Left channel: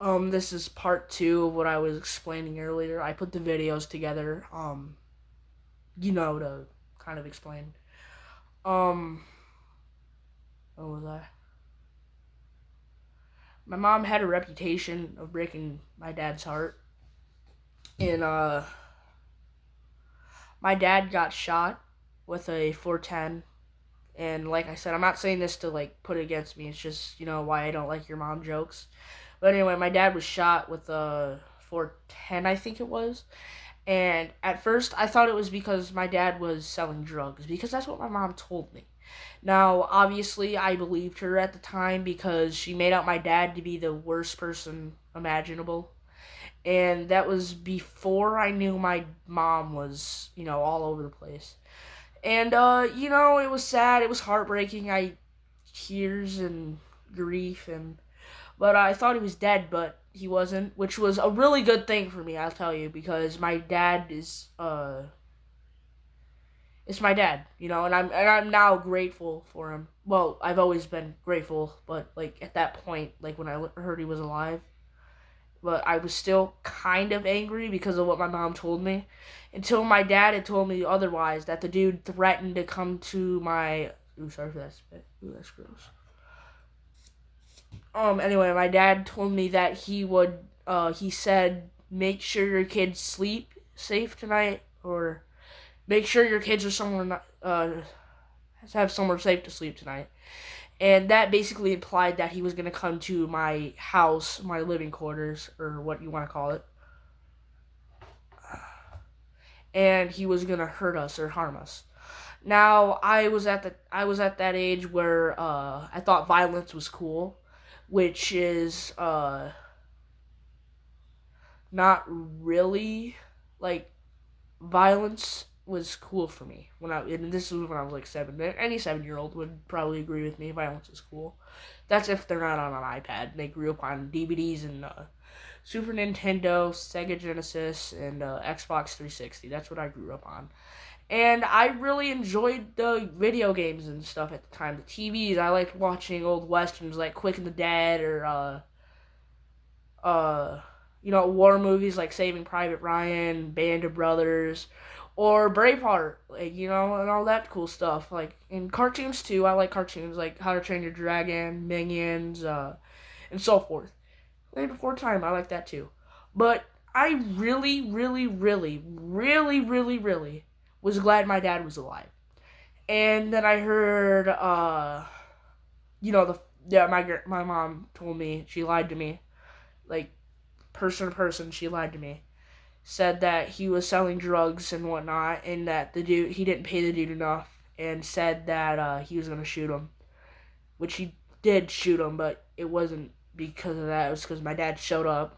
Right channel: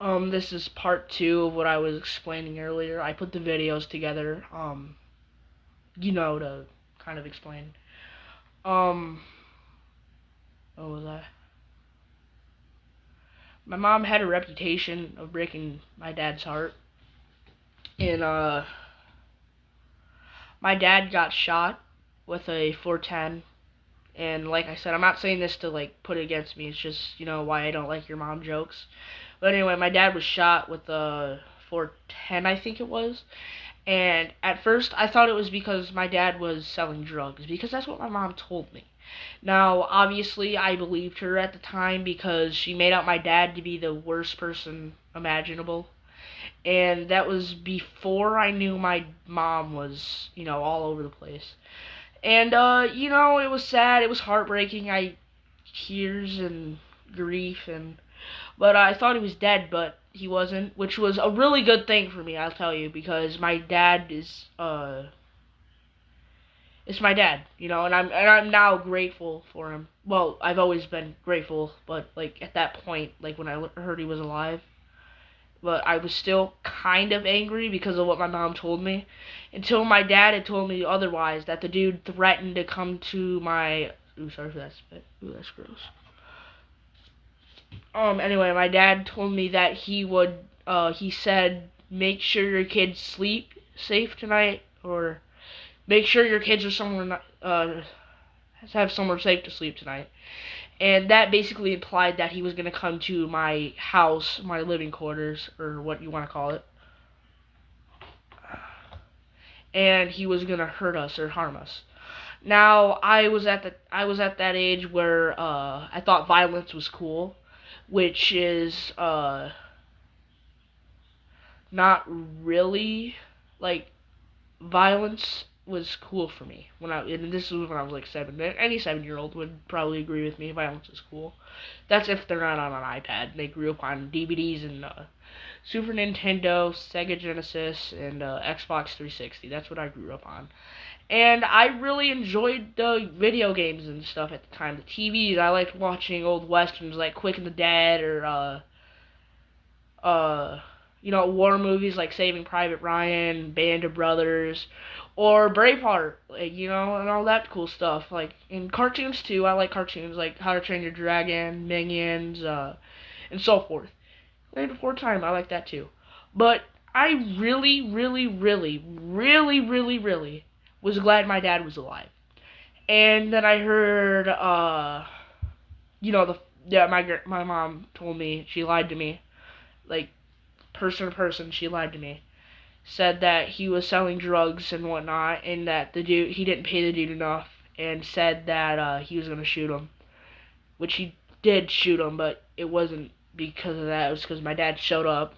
This is part two of what I was explaining earlier. I put the videos together, to kind of explain. Um, what was I? My mom had a reputation of breaking my dad's heart, and my dad got shot with a 410. And like I said, I'm not saying this to like put it against me. It's just why I don't like your mom jokes. But anyway, my dad was shot with a 410, I think it was. And at first, I thought it was because my dad was selling drugs, because that's what my mom told me. Now, obviously, I believed her at the time because she made out my dad to be the worst person imaginable. And that was before I knew my mom was, all over the place. And, it was sad. It was heartbreaking. Tears and grief and but I thought he was dead, but he wasn't, which was a really good thing for me, I'll tell you, because my dad is it's my dad, and I'm now grateful for him. Well, I've always been grateful, but like at that point, like when I heard he was alive, but I was still kind of angry because of what my mom told me, until my dad had told me otherwise, that the dude threatened to come to my. Ooh, sorry for that spit. Ooh, that's gross. Anyway, my dad told me that he said, make sure your kids sleep safe tonight, or make sure your kids are somewhere have somewhere safe to sleep tonight. And that basically implied that he was going to come to my house, my living quarters, or what you want to call it, and he was going to hurt us or harm us. Now, I was at that age where I thought violence was cool, which is not really, like, violence was cool for me and this was when I was like 7. Any 7-year-old would probably agree with me. Violence is cool. That's if they're not on an iPad. They grew up on DVDs and Super Nintendo, Sega Genesis, and Xbox 360. That's what I grew up on. And I really enjoyed the video games and stuff at the time. The TVs, I liked watching old westerns like Quick and the Dead, or war movies like Saving Private Ryan, Band of Brothers, or Braveheart, like, and all that cool stuff. Like in cartoons too, I like cartoons like How to Train Your Dragon, Minions, and so forth. Land Before Time, I like that too. But I really, really, really, really, really, really was glad my dad was alive. And then I heard, the yeah, my mom told me, she lied to me, like, person to person, she lied to me. Said that he was selling drugs and whatnot, and that the dude he didn't pay the dude enough, and said that he was gonna shoot him, which he did shoot him, but it wasn't because of that. It was because my dad showed up,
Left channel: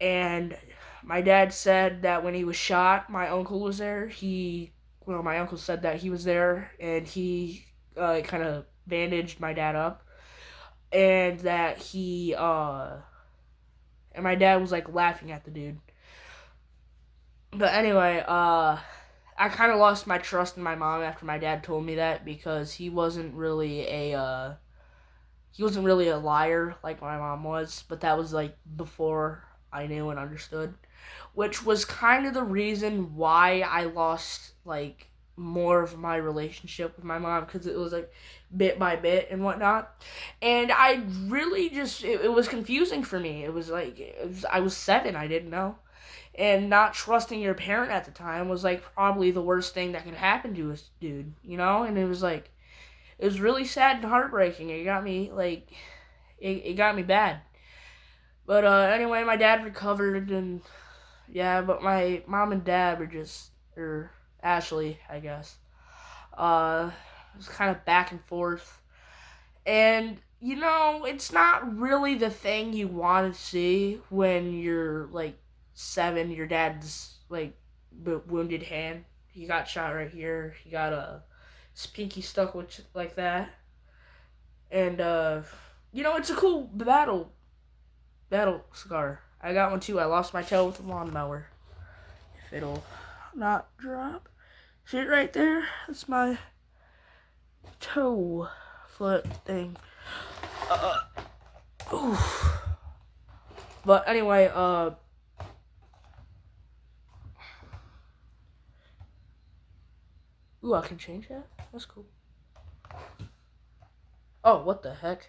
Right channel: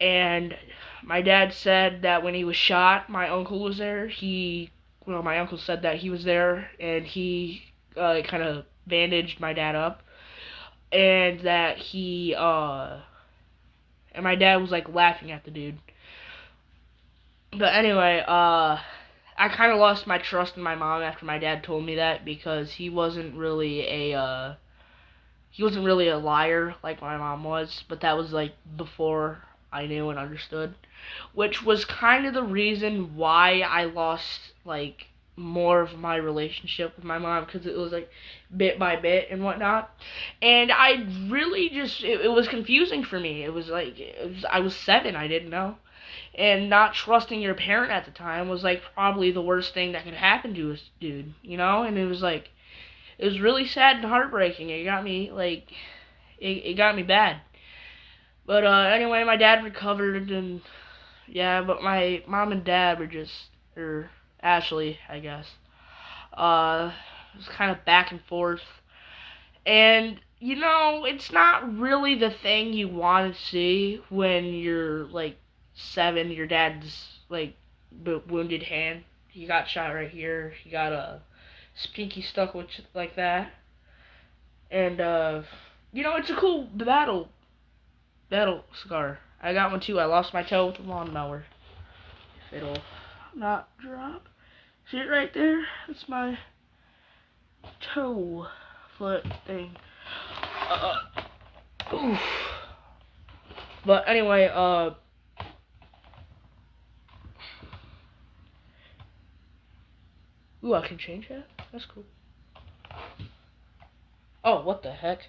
and my dad said that when he was shot, my uncle was there. My uncle said that he was there, and he kind of bandaged my dad up, and that he and my dad was like laughing at the dude. But anyway, I kind of lost my trust in my mom after my dad told me that, because he wasn't really a liar like my mom was, but that was like before I knew and understood, which was kind of the reason why I lost like more of my relationship with my mom, because it was like bit by bit and whatnot. And I really just it was confusing for me. It was like I was 7, I didn't know, and not trusting your parent at the time was like probably the worst thing that could happen to a dude, and it was really sad and heartbreaking. It got me like it got me bad. But anyway, my dad recovered, and yeah, but my mom and dad were just, or Ashley, I guess, it was kind of back and forth. And it's not really the thing you want to see when you're like 7. Your dad's like wounded hand. He got shot right here. He got a pinky stuck with like that. And it's a cool battle scar. I got one too. I lost my toe with a lawnmower. If it'll not drop. See it right there? That's my toe foot thing. Uh, oof. But anyway, ooh, I can change that. That's cool. Oh, what the heck?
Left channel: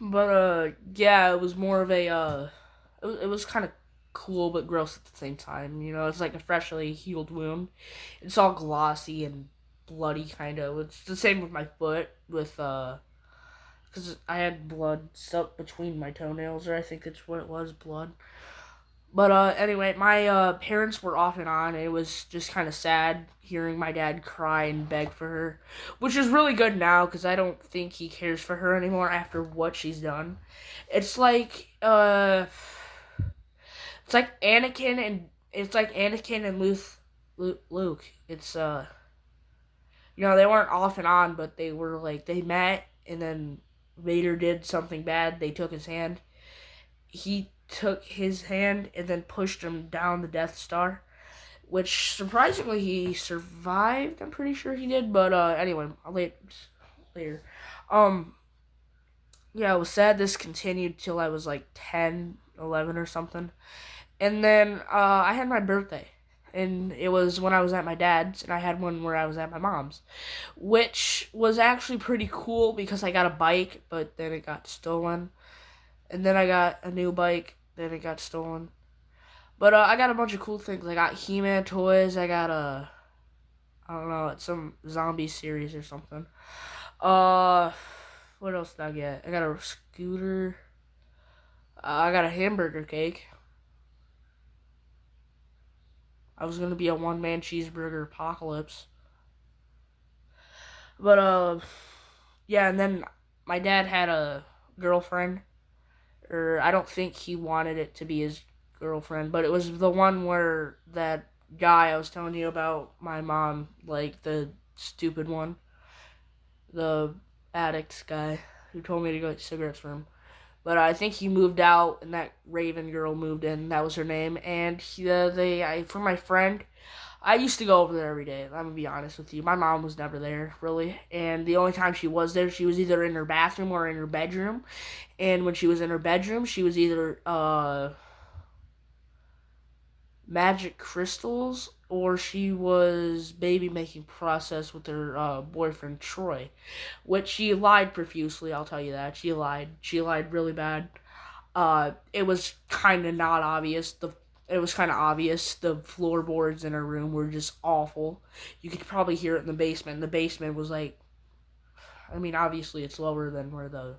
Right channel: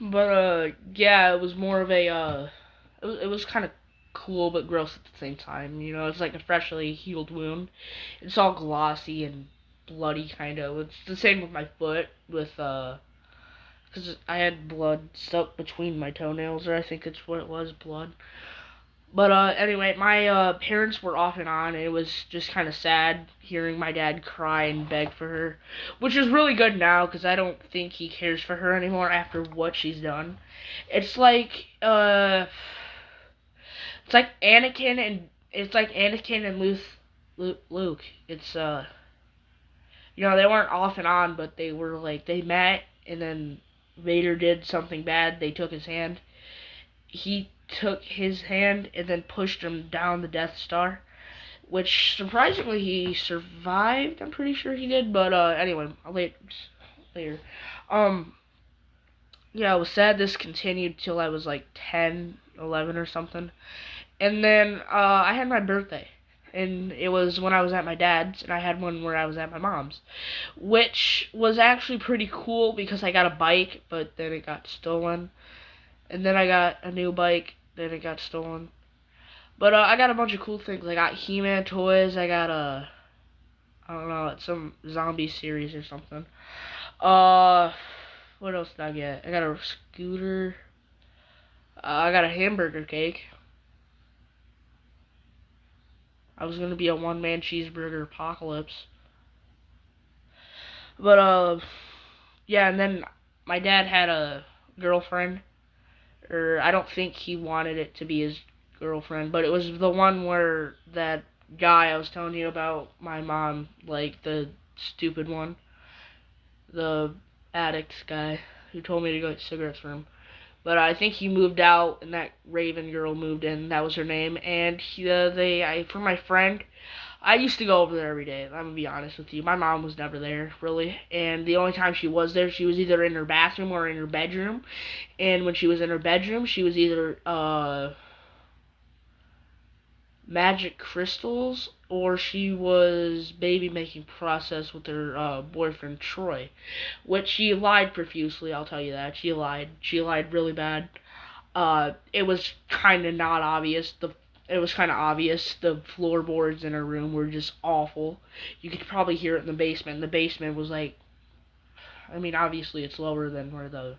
But yeah, it was more of a it was kind of cool but gross at the same time. You know, it's like a freshly healed wound. It's all glossy and bloody, kind of. It's the same with my foot, with because I had blood stuck between my toenails, or I think it's what it was, blood. But anyway, my parents were off and on. And it was just kind of sad hearing my dad cry and beg for her, which is really good now because I don't think he cares for her anymore after what she's done. It's like it's like Anakin and Luke. It's they weren't off and on, but they were like they met, and then Vader did something bad. They took his hand. He took his hand and then pushed him down the Death Star, which surprisingly he survived. I'm pretty sure he did, but anyway, later. Um, yeah, it was sad this continued till I was like 10, 11 or something. And then I had my birthday. And it was when I was at my dad's, and I had one where I was at my mom's, which was actually pretty cool because I got a bike, but then it got stolen. And then I got a new bike, then it got stolen. But I got a bunch of cool things. I got He-Man toys. I got I don't know, it's some zombie series or something. What else did I get? I got a scooter. I got a hamburger cake. I was gonna be a one-man cheeseburger apocalypse. But yeah, and then my dad had a girlfriend, or I don't think he wanted it to be his girlfriend, but it was the one where that guy I was telling you about, my mom, like the stupid one, the addict guy who told me to go get cigarettes for him. But I think he moved out, and that Raven girl moved in. That was her name. And for my friend, I used to go over there every day. I'm gonna be honest with you. My mom was never there really, and the only time she was there, she was either in her bathroom or in her bedroom. And when she was in her bedroom, she was either magic crystals, or she was baby making process with her boyfriend Troy, which she lied profusely. I'll tell you that she lied. She lied really bad. It was kind of not obvious. It was kind of obvious. The floorboards in her room were just awful. You could probably hear it in the basement. The basement was like, I mean, obviously it's lower than where the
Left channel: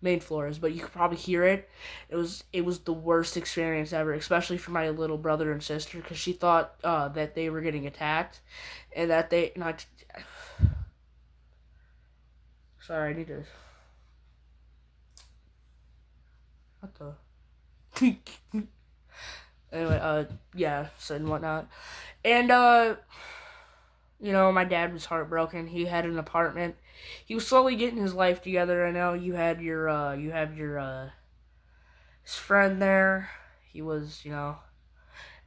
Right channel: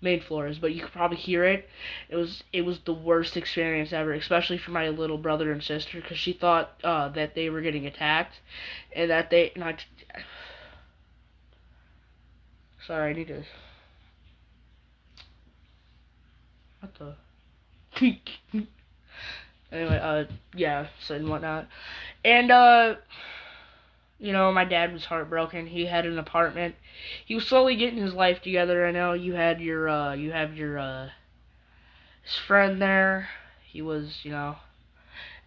main floor is, but you could probably hear it. It was the worst experience ever, especially for my little brother and sister, because she thought that they were getting attacked, and that they not. Sorry, I need to. What the? Anyway, yeah, so and whatnot, and my dad was heartbroken. He had an apartment. He was slowly getting his life together. I know you have your his friend there. He was,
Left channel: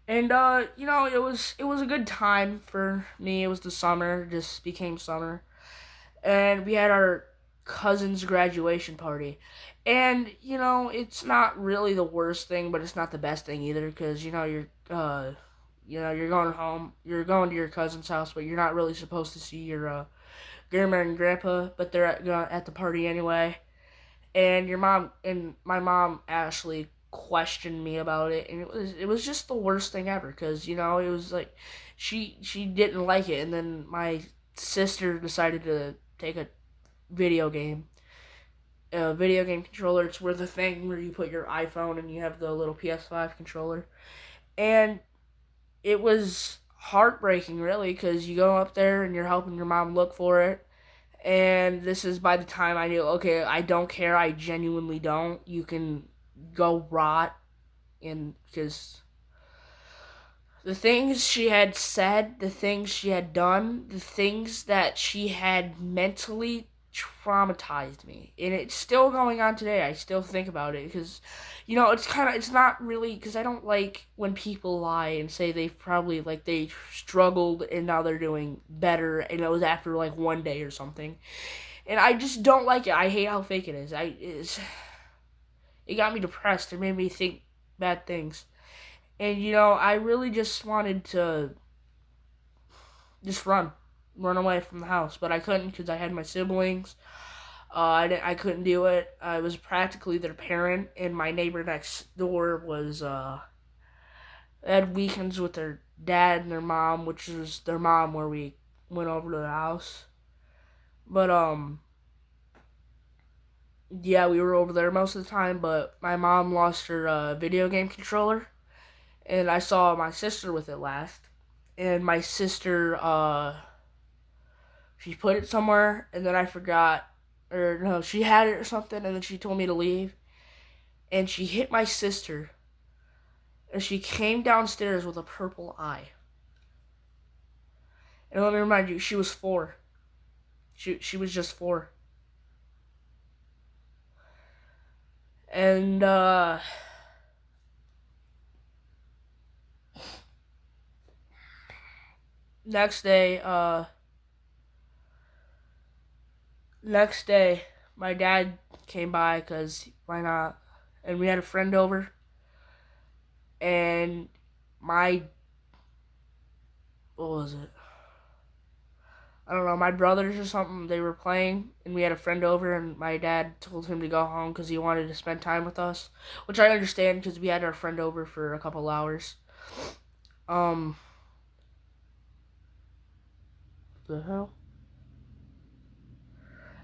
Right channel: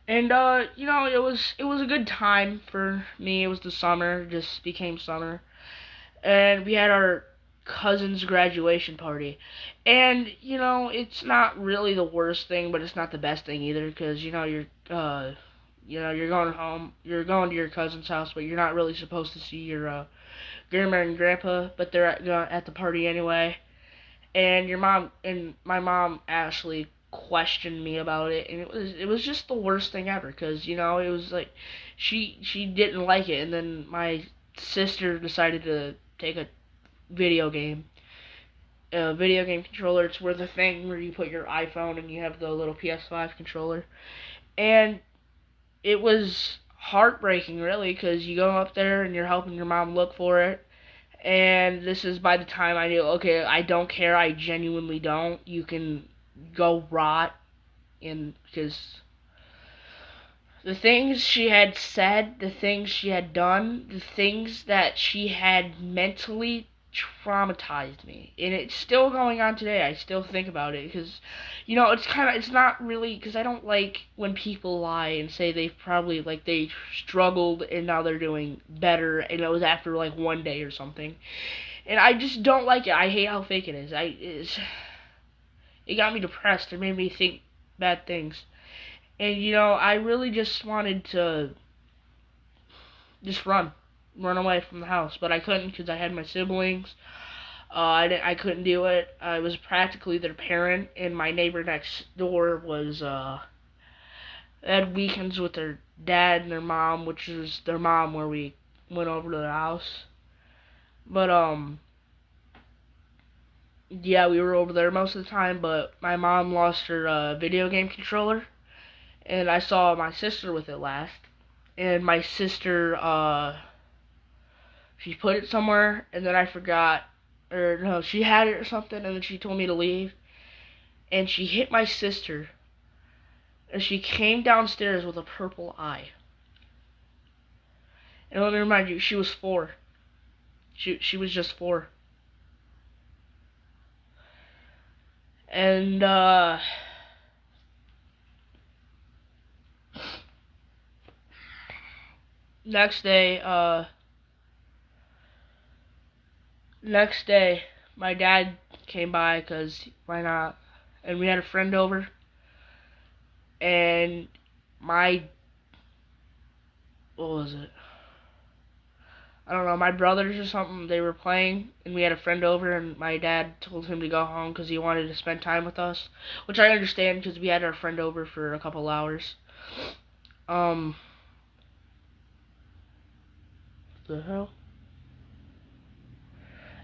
and it was a good time for me. It was the summer, just became summer, and we had our cousin's graduation party. And it's not really the worst thing, but it's not the best thing either, because you're going home, you're going to your cousin's house, but you're not really supposed to see your grandma and grandpa, but they're at the party anyway. And my mom actually questioned me about it, and it was just the worst thing ever, because it was like she didn't like it, and then my sister decided to take video game a video game controller. It's where the thing where you put your iPhone and you have the little PS5 controller, and it was heartbreaking, really, because you go up there and you're helping your mom look for it. And this is by the time I knew, okay, I don't care. I genuinely don't. You can go rot, and because the things she had said, the things she had done, the things that she had mentally traumatized me. And it's still going on today. I still think about it because, it's not really, because I don't like when people lie and say they've probably, like, they struggled and now they're doing better, and it was after, like, one day or something. and I just don't like it. I hate how fake it is. It got me depressed. It made me think bad things. And I really just wanted to just run away from the house, but I couldn't because I had my siblings. I couldn't do it. I was practically their parent, and my neighbor next door was had weekends with their dad and their mom, which was their mom where we went over to the house. But yeah, we were over there most of the time. But my mom lost her video game controller, and I saw my sister with it last. And my sister, she put it somewhere, and then I forgot, or no, she had it or something, and then she told me to leave, and she hit my sister, and she came downstairs with a purple eye. And let me remind you, she was 4. She was just 4. And next day, my dad came by because why not? And we had a friend over, and what was it? I don't know, my brothers or something, they were playing, and we had a friend over, and my dad told him to go home because he wanted to spend time with us, which I understand because we had our friend over for a couple hours. The hell?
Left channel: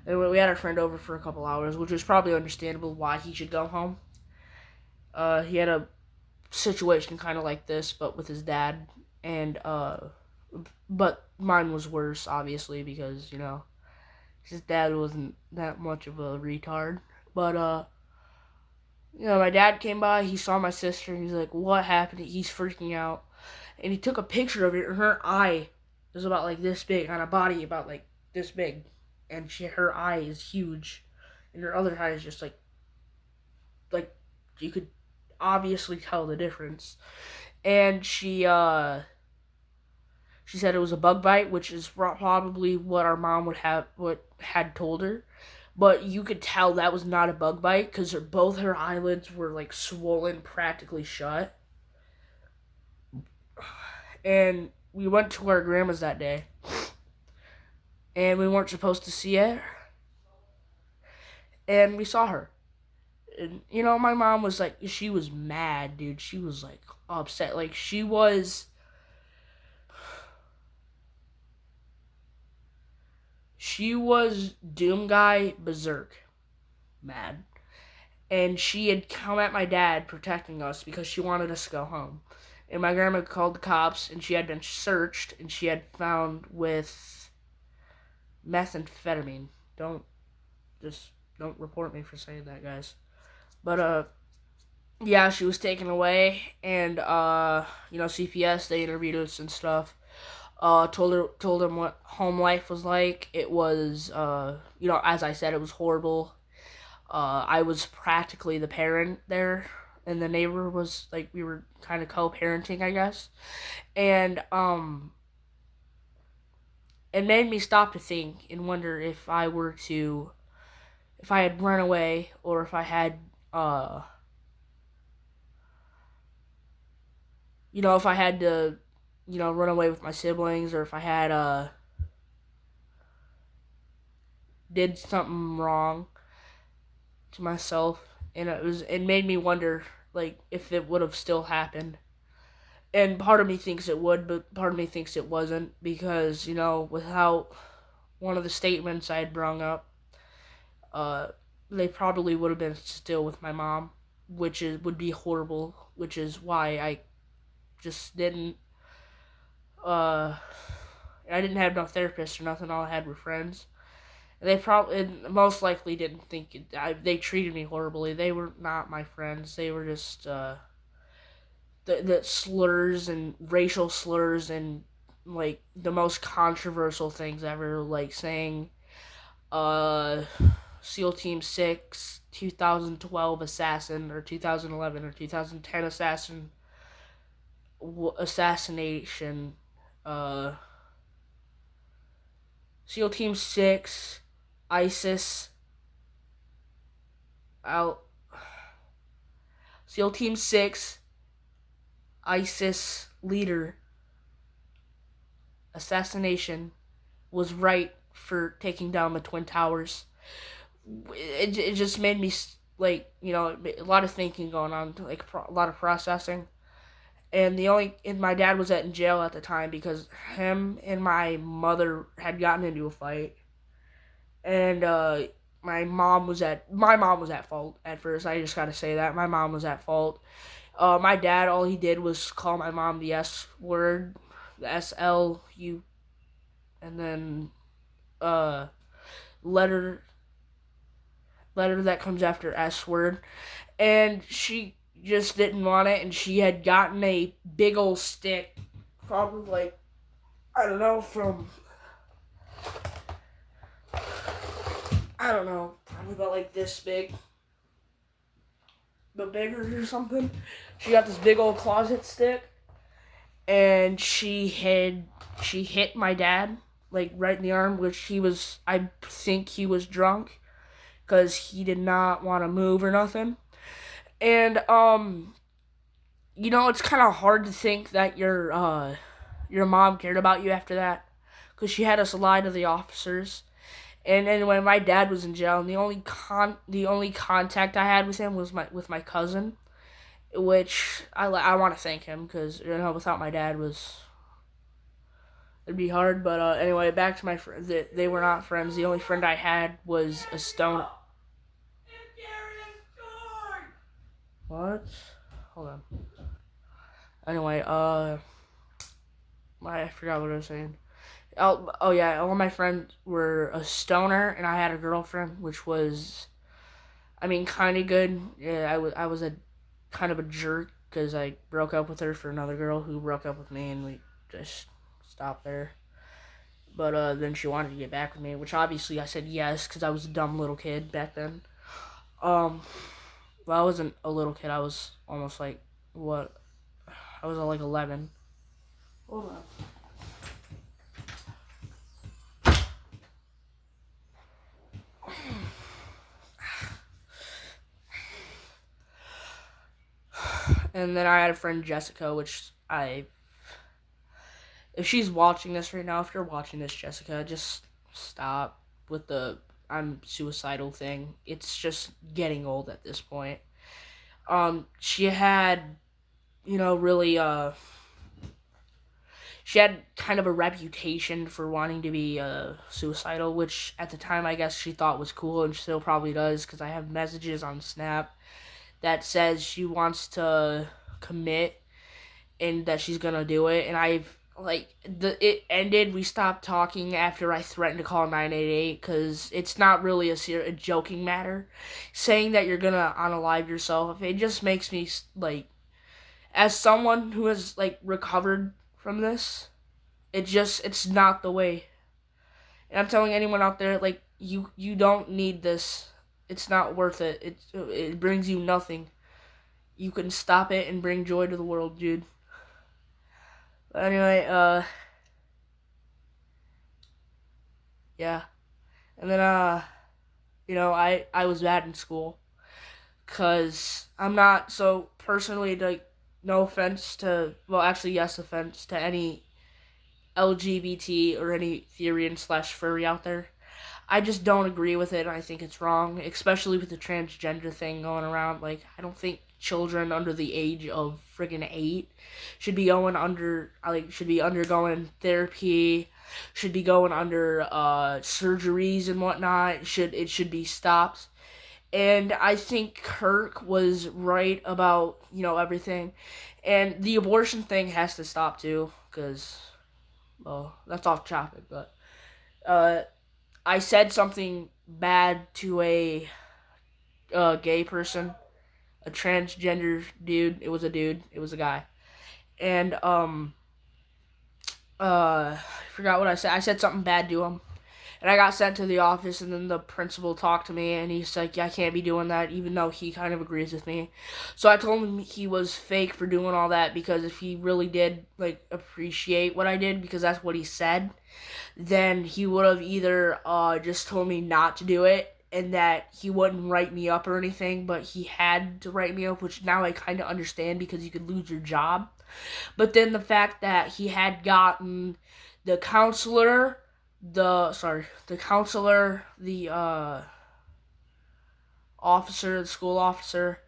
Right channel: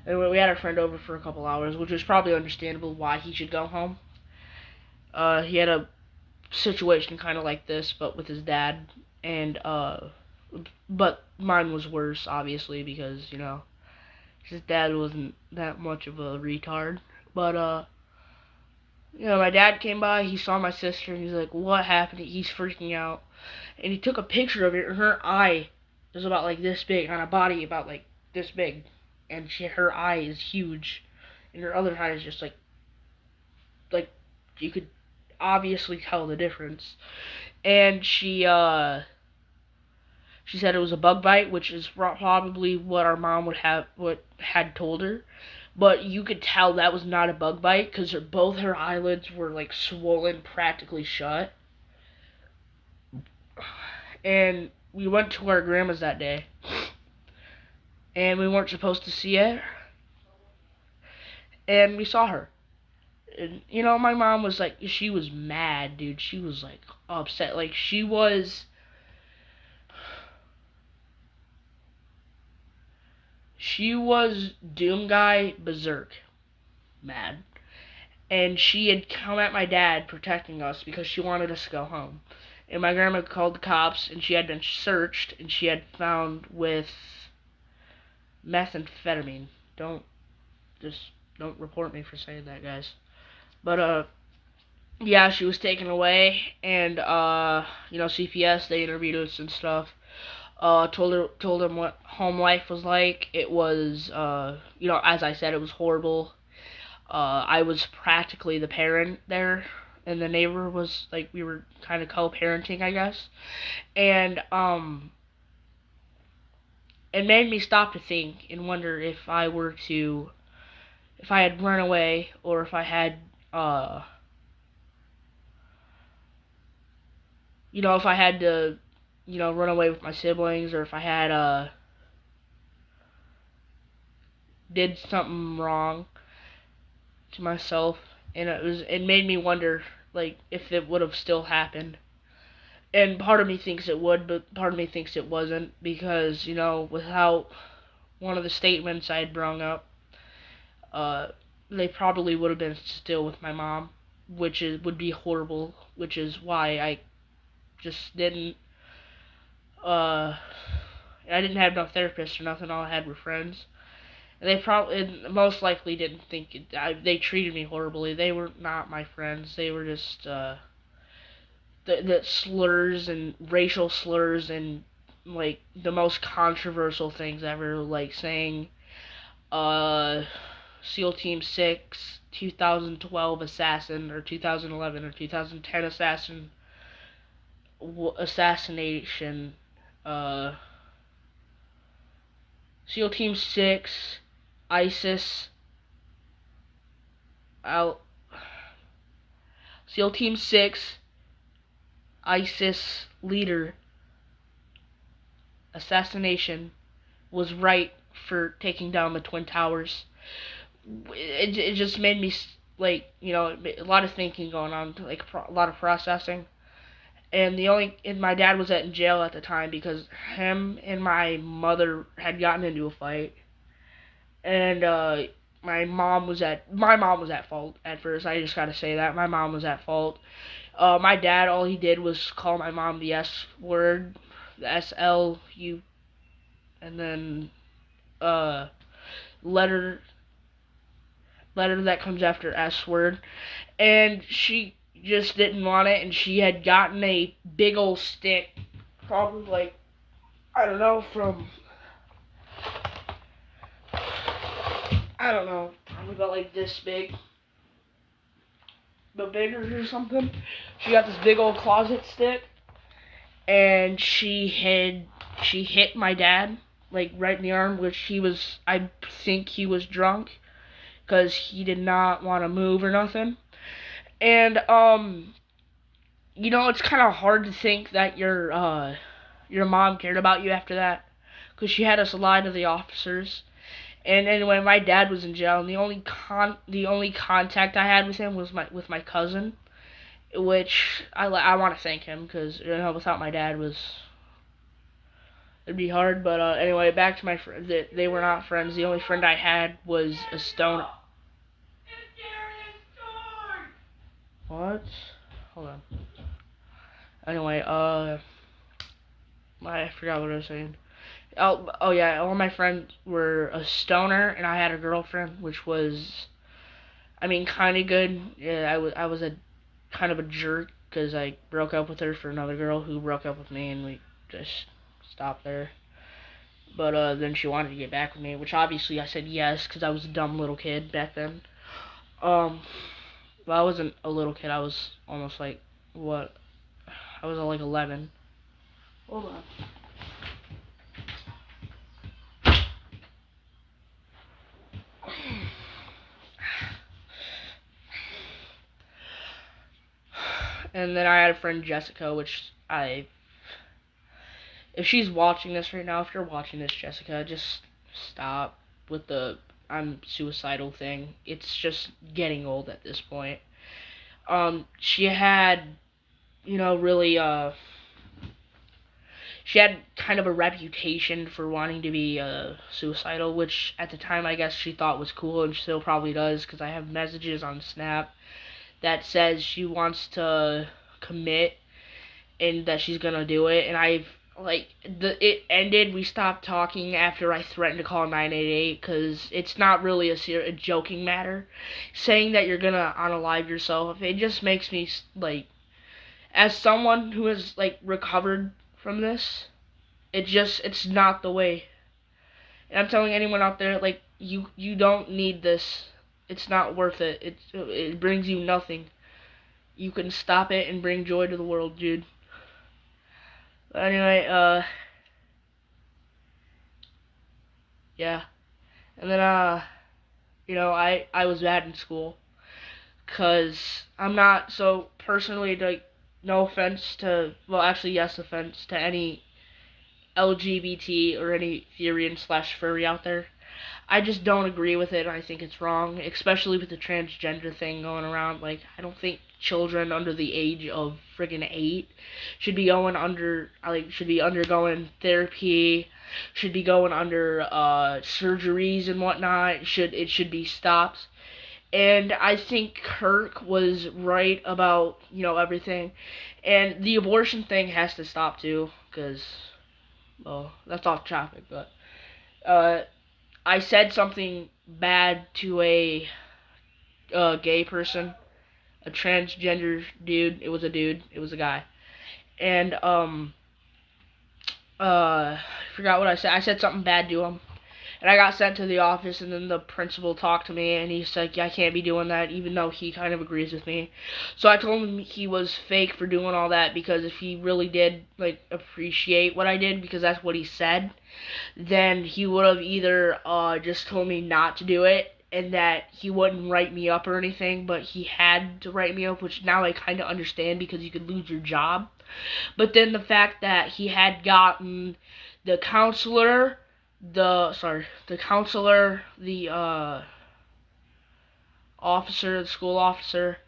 Anyway, we had our friend over for a couple hours, which was probably understandable why he should go home. He had a situation kind of like this, but with his dad, and but mine was worse, obviously, because his dad wasn't that much of a retard. But my dad came by, he saw my sister, and he's like, "What happened?" He's freaking out, and he took a picture of it, and her eye is about like this big on a body about like this big, and her eye is huge, and her other eye is just like you could obviously tell the difference. And she said it was a bug bite, which is probably what our mom what had told her. But you could tell that was not a bug bite because both her eyelids were like swollen, practically shut. And we went to our grandma's that day, and we weren't supposed to see it, and we saw her. And my mom was like, she was mad, dude. She was like upset, like she was Doom Guy Berserk mad. And she had come at my dad protecting us because she wanted us to go home. And my grandma called the cops, and she had been searched, and she had found with methamphetamine. Don't report me for saying that, guys. But yeah, she was taken away, and CPS, they interviewed us and stuff. Told him what home life was like. It was as I said, it was horrible. I was practically the parent there, and the neighbor was like, we were kind of co-parenting, I guess. And it made me stop to think and wonder if I had run away, or if I had if I had to run away with my siblings, or if I had did something wrong to myself, and it made me wonder like if it would have still happened. And part of me thinks it would, but part of me thinks it wasn't, because without one of the statements I had brung up, they probably would have been still with my mom, would be horrible, which is why I just didn't I didn't have no therapist or nothing. All I had were friends. And they probably, most likely, didn't think they treated me horribly. They were not my friends. They were just the slurs and racial slurs and like the most controversial things ever, like saying SEAL Team 6 2012 assassin, or 2011 or 2010 assassination. SEAL Team 6 ISIS out. SEAL Team 6 ISIS leader assassination was right for taking down the Twin Towers. It just made me like, a lot of thinking going on, like a lot of processing. And my dad was in jail at the time because him and my mother had gotten into a fight, and my mom was at fault at first. I just gotta say that my mom was at fault. My dad, all he did was call my mom the S word, the SLU, and then uh letter that comes after S word, and she just didn't want it, and she had gotten a big old stick, probably like, I don't know, probably about like this big, but bigger or something. She got this big old closet stick, and she hit my dad like right in the arm, which I think he was drunk because he did not want to move or nothing. And it's kind of hard to think that your mom cared about you after that, because she had us lie to the officers. And when my dad was in jail, and the only contact I had with him was my cousin, which I want to thank him, because without my dad it'd be hard. But anyway, back to my friends. They were not friends. The only friend I had was a stone. What? Hold on. Anyway, I forgot what I was saying. Oh yeah, all my friends were a stoner, and I had a girlfriend, which was, kind of good. Yeah, I was a kind of a jerk because I broke up with her for another girl who broke up with me, and we just stopped there. But then she wanted to get back with me, which obviously I said yes because I was a dumb little kid back then. Well, I wasn't a little kid. I was almost like what? I was like 11. Hold on. And then I had a friend, Jessica, if she's watching this right now, if you're watching this, Jessica, just stop with the I'm suicidal thing. It's just getting old at this point. She had, really, she had kind of a reputation for wanting to be suicidal, which at the time I guess she thought was cool, and still probably does, because I have messages on Snap that says she wants to commit and that she's gonna do it. And it ended. We stopped talking after I threatened to call 988, because it's not really a joking matter. Saying that you're gonna unalive yourself, it just makes me like, as someone who has like recovered from this, it's not the way. And I'm telling anyone out there, like, you don't need this. It's not worth it. It brings you nothing. You can stop it and bring joy to the world, dude. But anyway, yeah. And then, I was bad in school, because I'm not, so personally, like, no offense to, well, actually, yes, offense to any LGBT or any Therian/furry out there. I just don't agree with it. I think it's wrong, especially with the transgender thing going around. Like, I don't think children under the age of friggin' 8 should be undergoing therapy, should be going under surgeries and whatnot. It should be stopped. And I think Kirk was right about, everything. And the abortion thing has to stop too, because, well, that's off topic, but I said something bad to a gay person, a transgender dude. It was a dude. It was a guy. And I forgot what I said. I said something bad to him, and I got sent to the office. And then the principal talked to me, and he's like, "Yeah, I can't be doing that," even though he kind of agrees with me. So I told him he was fake for doing all that, because if he really did like appreciate what I did, because that's what he said, then he would have either just told me not to do it and that he wouldn't write me up or anything, but he had to write me up, which now I kind of understand because you could lose your job. But then the fact that he had gotten the counselor, the officer, the school officer,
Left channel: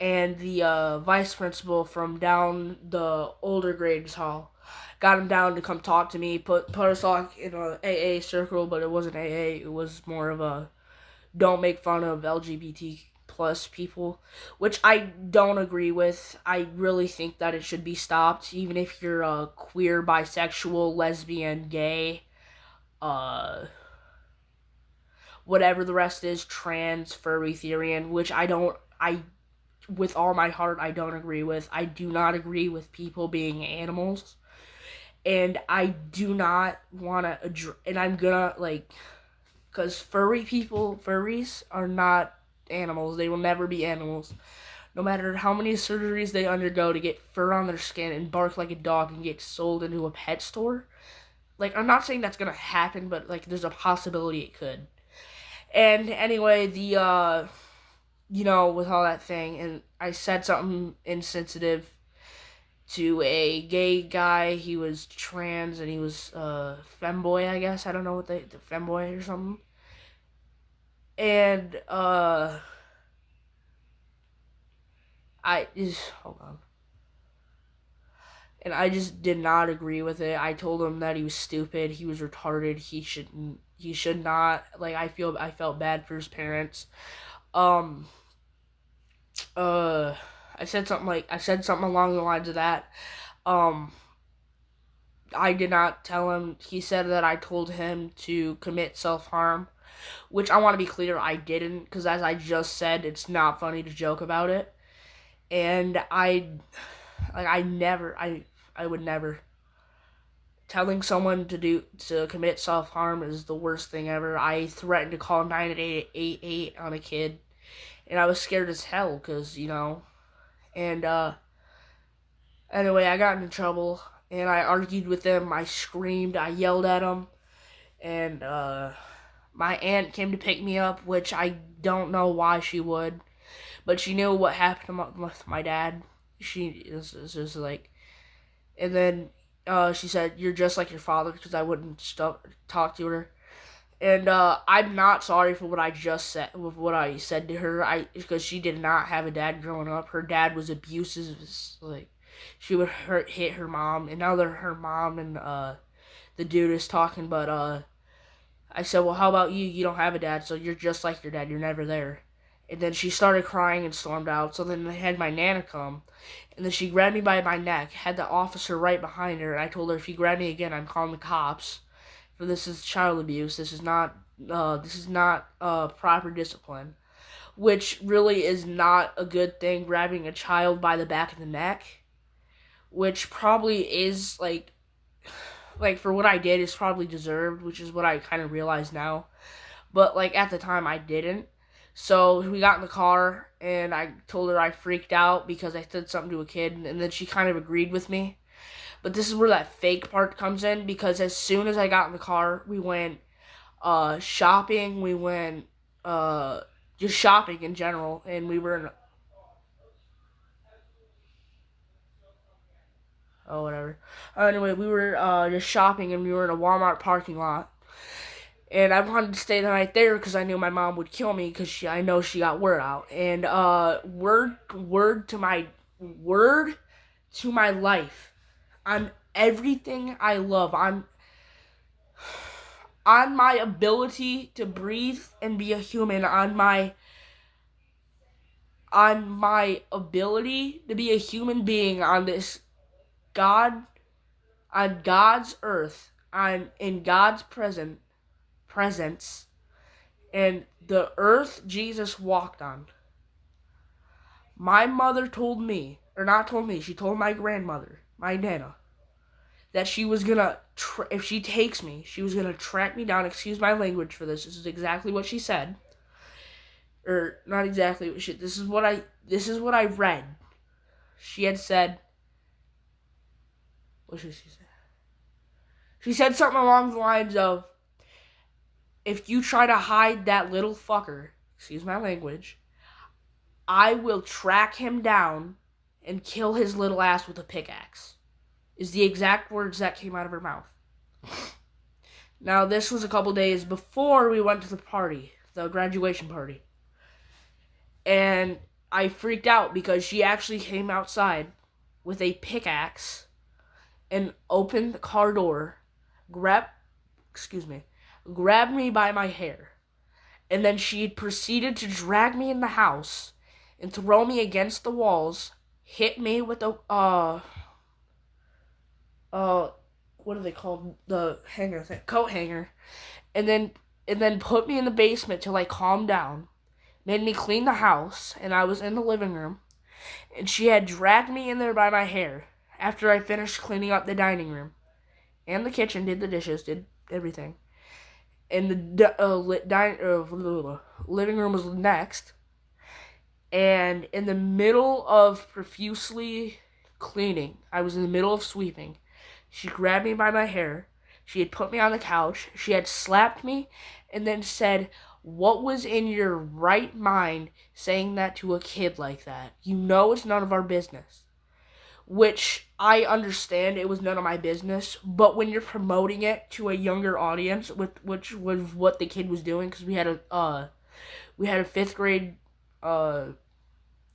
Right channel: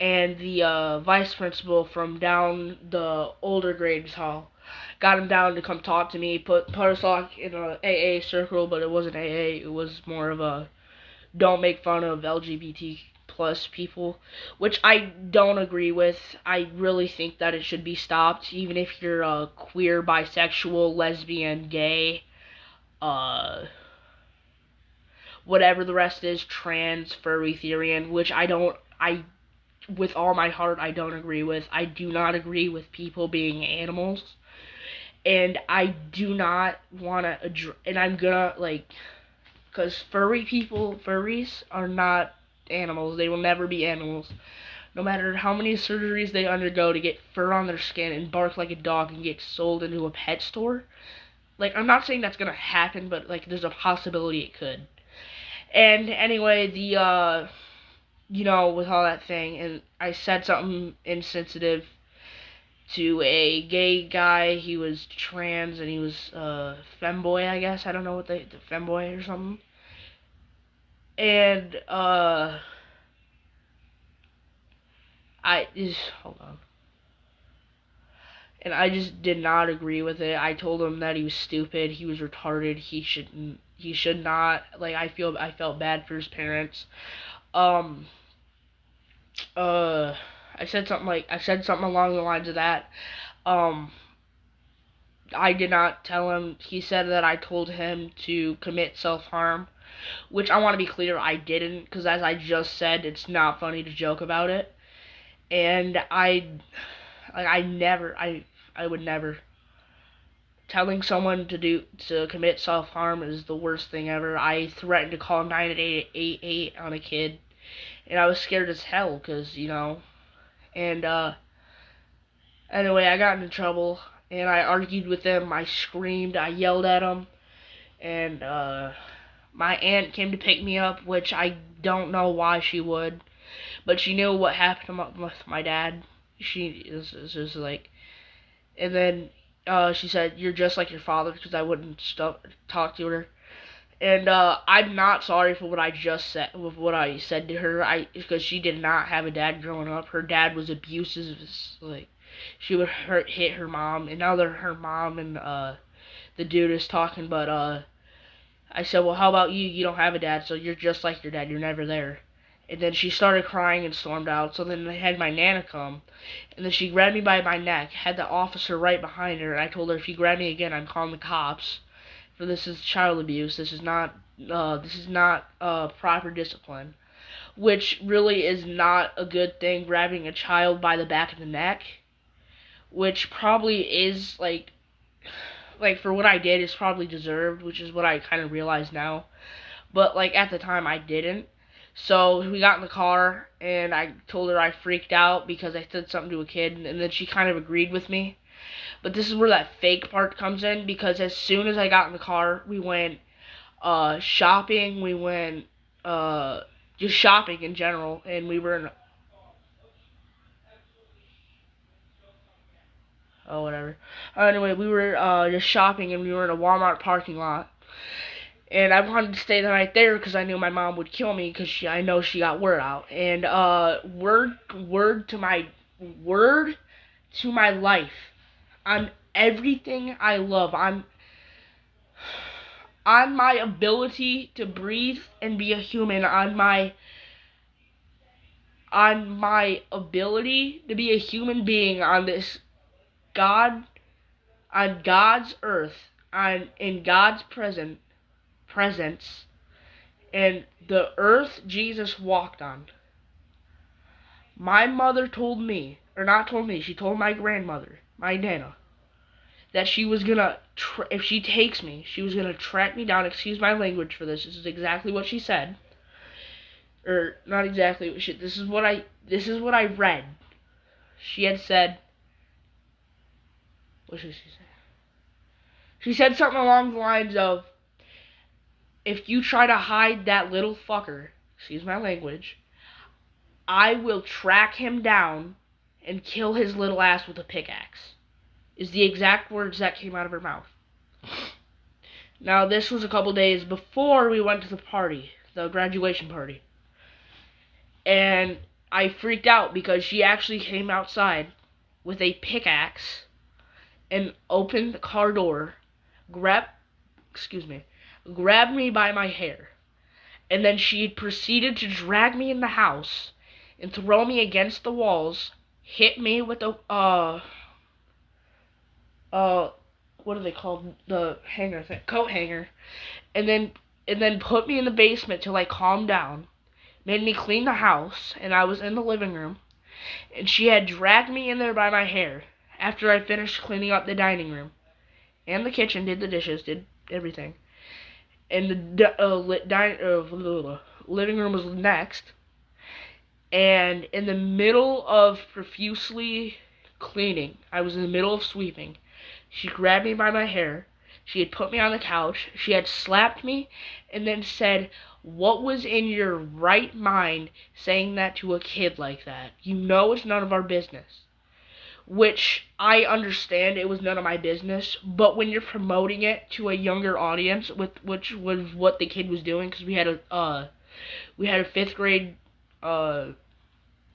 and the vice principal from down the older grades hall. Got him down to come talk to me, put us all in a AA circle, but it wasn't AA. It was more of a don't make fun of LGBT plus people, which I don't agree with. I really think that it should be stopped, even if you're a queer, bisexual, lesbian, gay, uh, whatever the rest is, trans, furry, Therian, which with all my heart, I don't agree with. I do not agree with people being animals. And I do not want to, and I'm gonna, because furries are not animals. They will never be animals. No matter how many surgeries they undergo to get fur on their skin and bark like a dog and get sold into a pet store. I'm not saying that's gonna happen, but, there's a possibility it could. And anyway, with all that thing, and I said something insensitive to a gay guy. He was trans and he was femboy, I guess. I don't know what the femboy or something. And hold on. And I just did not agree with it. I told him that he was stupid, he was retarded, he should not, I felt bad for his parents. I said something along the lines of that. I did not tell him. He said that I told him to commit self-harm, which I want to be clear, I didn't, because as I just said, it's not funny to joke about it. And I would never. Telling someone to commit self-harm is the worst thing ever. I threatened to call 988 on a kid, and I was scared as hell, because, and, anyway, I got into trouble, and I argued with them, I screamed, I yelled at them, and, my aunt came to pick me up, which I don't know why she would, but she knew what happened with my dad. She is just and then, she said, "You're just like your father," because I wouldn't talk to her. And I'm not sorry for what I just said, with what I said to her. Because she did not have a dad growing up. Her dad was abusive. She would hit her mom, and now they're her mom and the dude is talking. But I said, "Well, how about you? You don't have a dad, so you're just like your dad. You're never there." And then she started crying and stormed out. So then they had my Nana come, and then she grabbed me by my neck, had the officer right behind her, and I told her, "If you grab me again, I'm calling the cops. For this is child abuse. This is not proper discipline," which really is not a good thing. Grabbing a child by the back of the neck, which probably is for what I did is probably deserved, which is what I kind of realize now. But at the time I didn't. So we got in the car, and I told her I freaked out because I said something to a kid, and then she kind of agreed with me. But this is where that fake part comes in, because as soon as I got in the car, we went shopping. We went just shopping in general, and we were in whatever. Anyway, we were just shopping, and we were in a Walmart parking lot. And I wanted to stay the night there because I knew my mom would kill me because I know she got word out. And word to my life, on everything I love, on my ability to breathe and be a human, on my ability to be a human being on this on God's earth, in God's presence, and the earth Jesus walked on. My mother told me, or not told me, she told my grandmother, my Nana, that she was gonna, if she takes me, she was gonna track me down. Excuse my language for this. This is exactly what she said, or not exactly. This is what I read. She had said, what should she say? She said something along the lines of, if you try to hide that little fucker, excuse my language, I will track him down and kill his little ass with a pickaxe. Is the exact words that came out of her mouth. Now, this was a couple days before we went to the party, the graduation party. And I freaked out because she actually came outside with a pickaxe and opened the car door, grabbed me by my hair, and then she proceeded to drag me in the house and throw me against the walls, hit me with a what are they called? The hanger thing, coat hanger, and then put me in the basement till I calmed down. Made me clean the house, and I was in the living room, and she had dragged me in there by my hair after I finished cleaning up the dining room and the kitchen, did the dishes, did everything. And the living room was next, and in the middle of profusely cleaning, I was in the middle of sweeping. She grabbed me by my hair. She had put me on the couch. She had slapped me and then said, "What was in your right mind saying that to a kid like that? You know it's none of our business." Which I understand it was none of my business, but when you're promoting it to a younger audience, which was what the kid was doing, because we had a fifth grade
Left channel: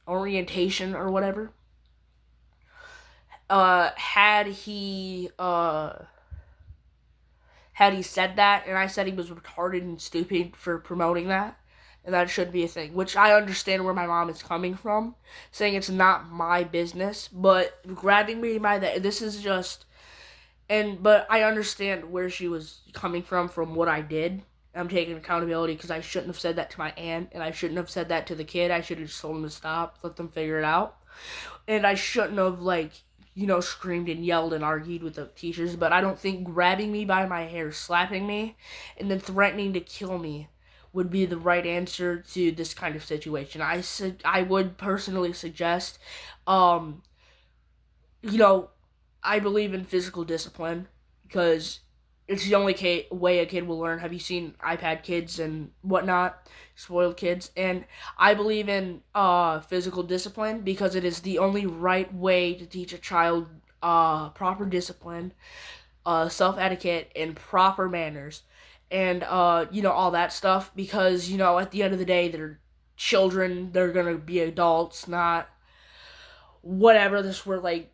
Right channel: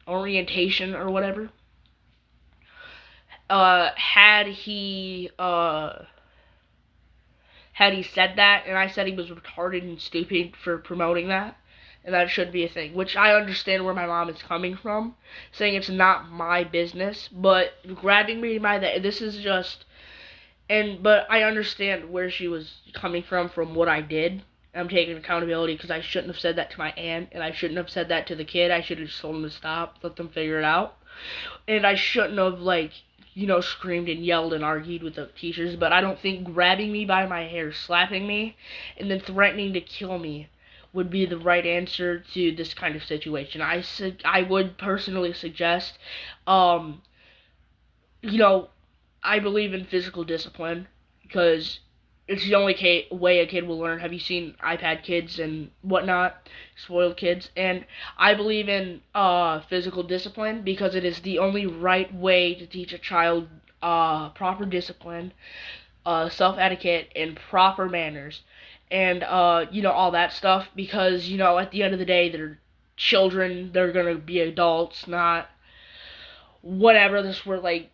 orientation or whatever. Had he said that, and I said he was retarded and stupid for promoting that, and that shouldn't be a thing, which I understand where my mom is coming from, saying it's not my business, but grabbing me by this is just, but I understand where she was coming from what I did. I'm taking accountability because I shouldn't have said that to my aunt, and I shouldn't have said that to the kid. I should have just told him to stop, let them figure it out, and I shouldn't have, screamed and yelled and argued with the teachers, but I don't think grabbing me by my hair, slapping me, and then threatening to kill me would be the right answer to this kind of situation. I would personally suggest, I believe in physical discipline because it's the only way a kid will learn. Have you seen iPad kids and whatnot? Spoiled kids. And I believe in physical discipline because it is the only right way to teach a child proper discipline, self-etiquette, and proper manners. And, all that stuff because, at the end of the day, they're children. They're going to be adults, not whatever. This were, the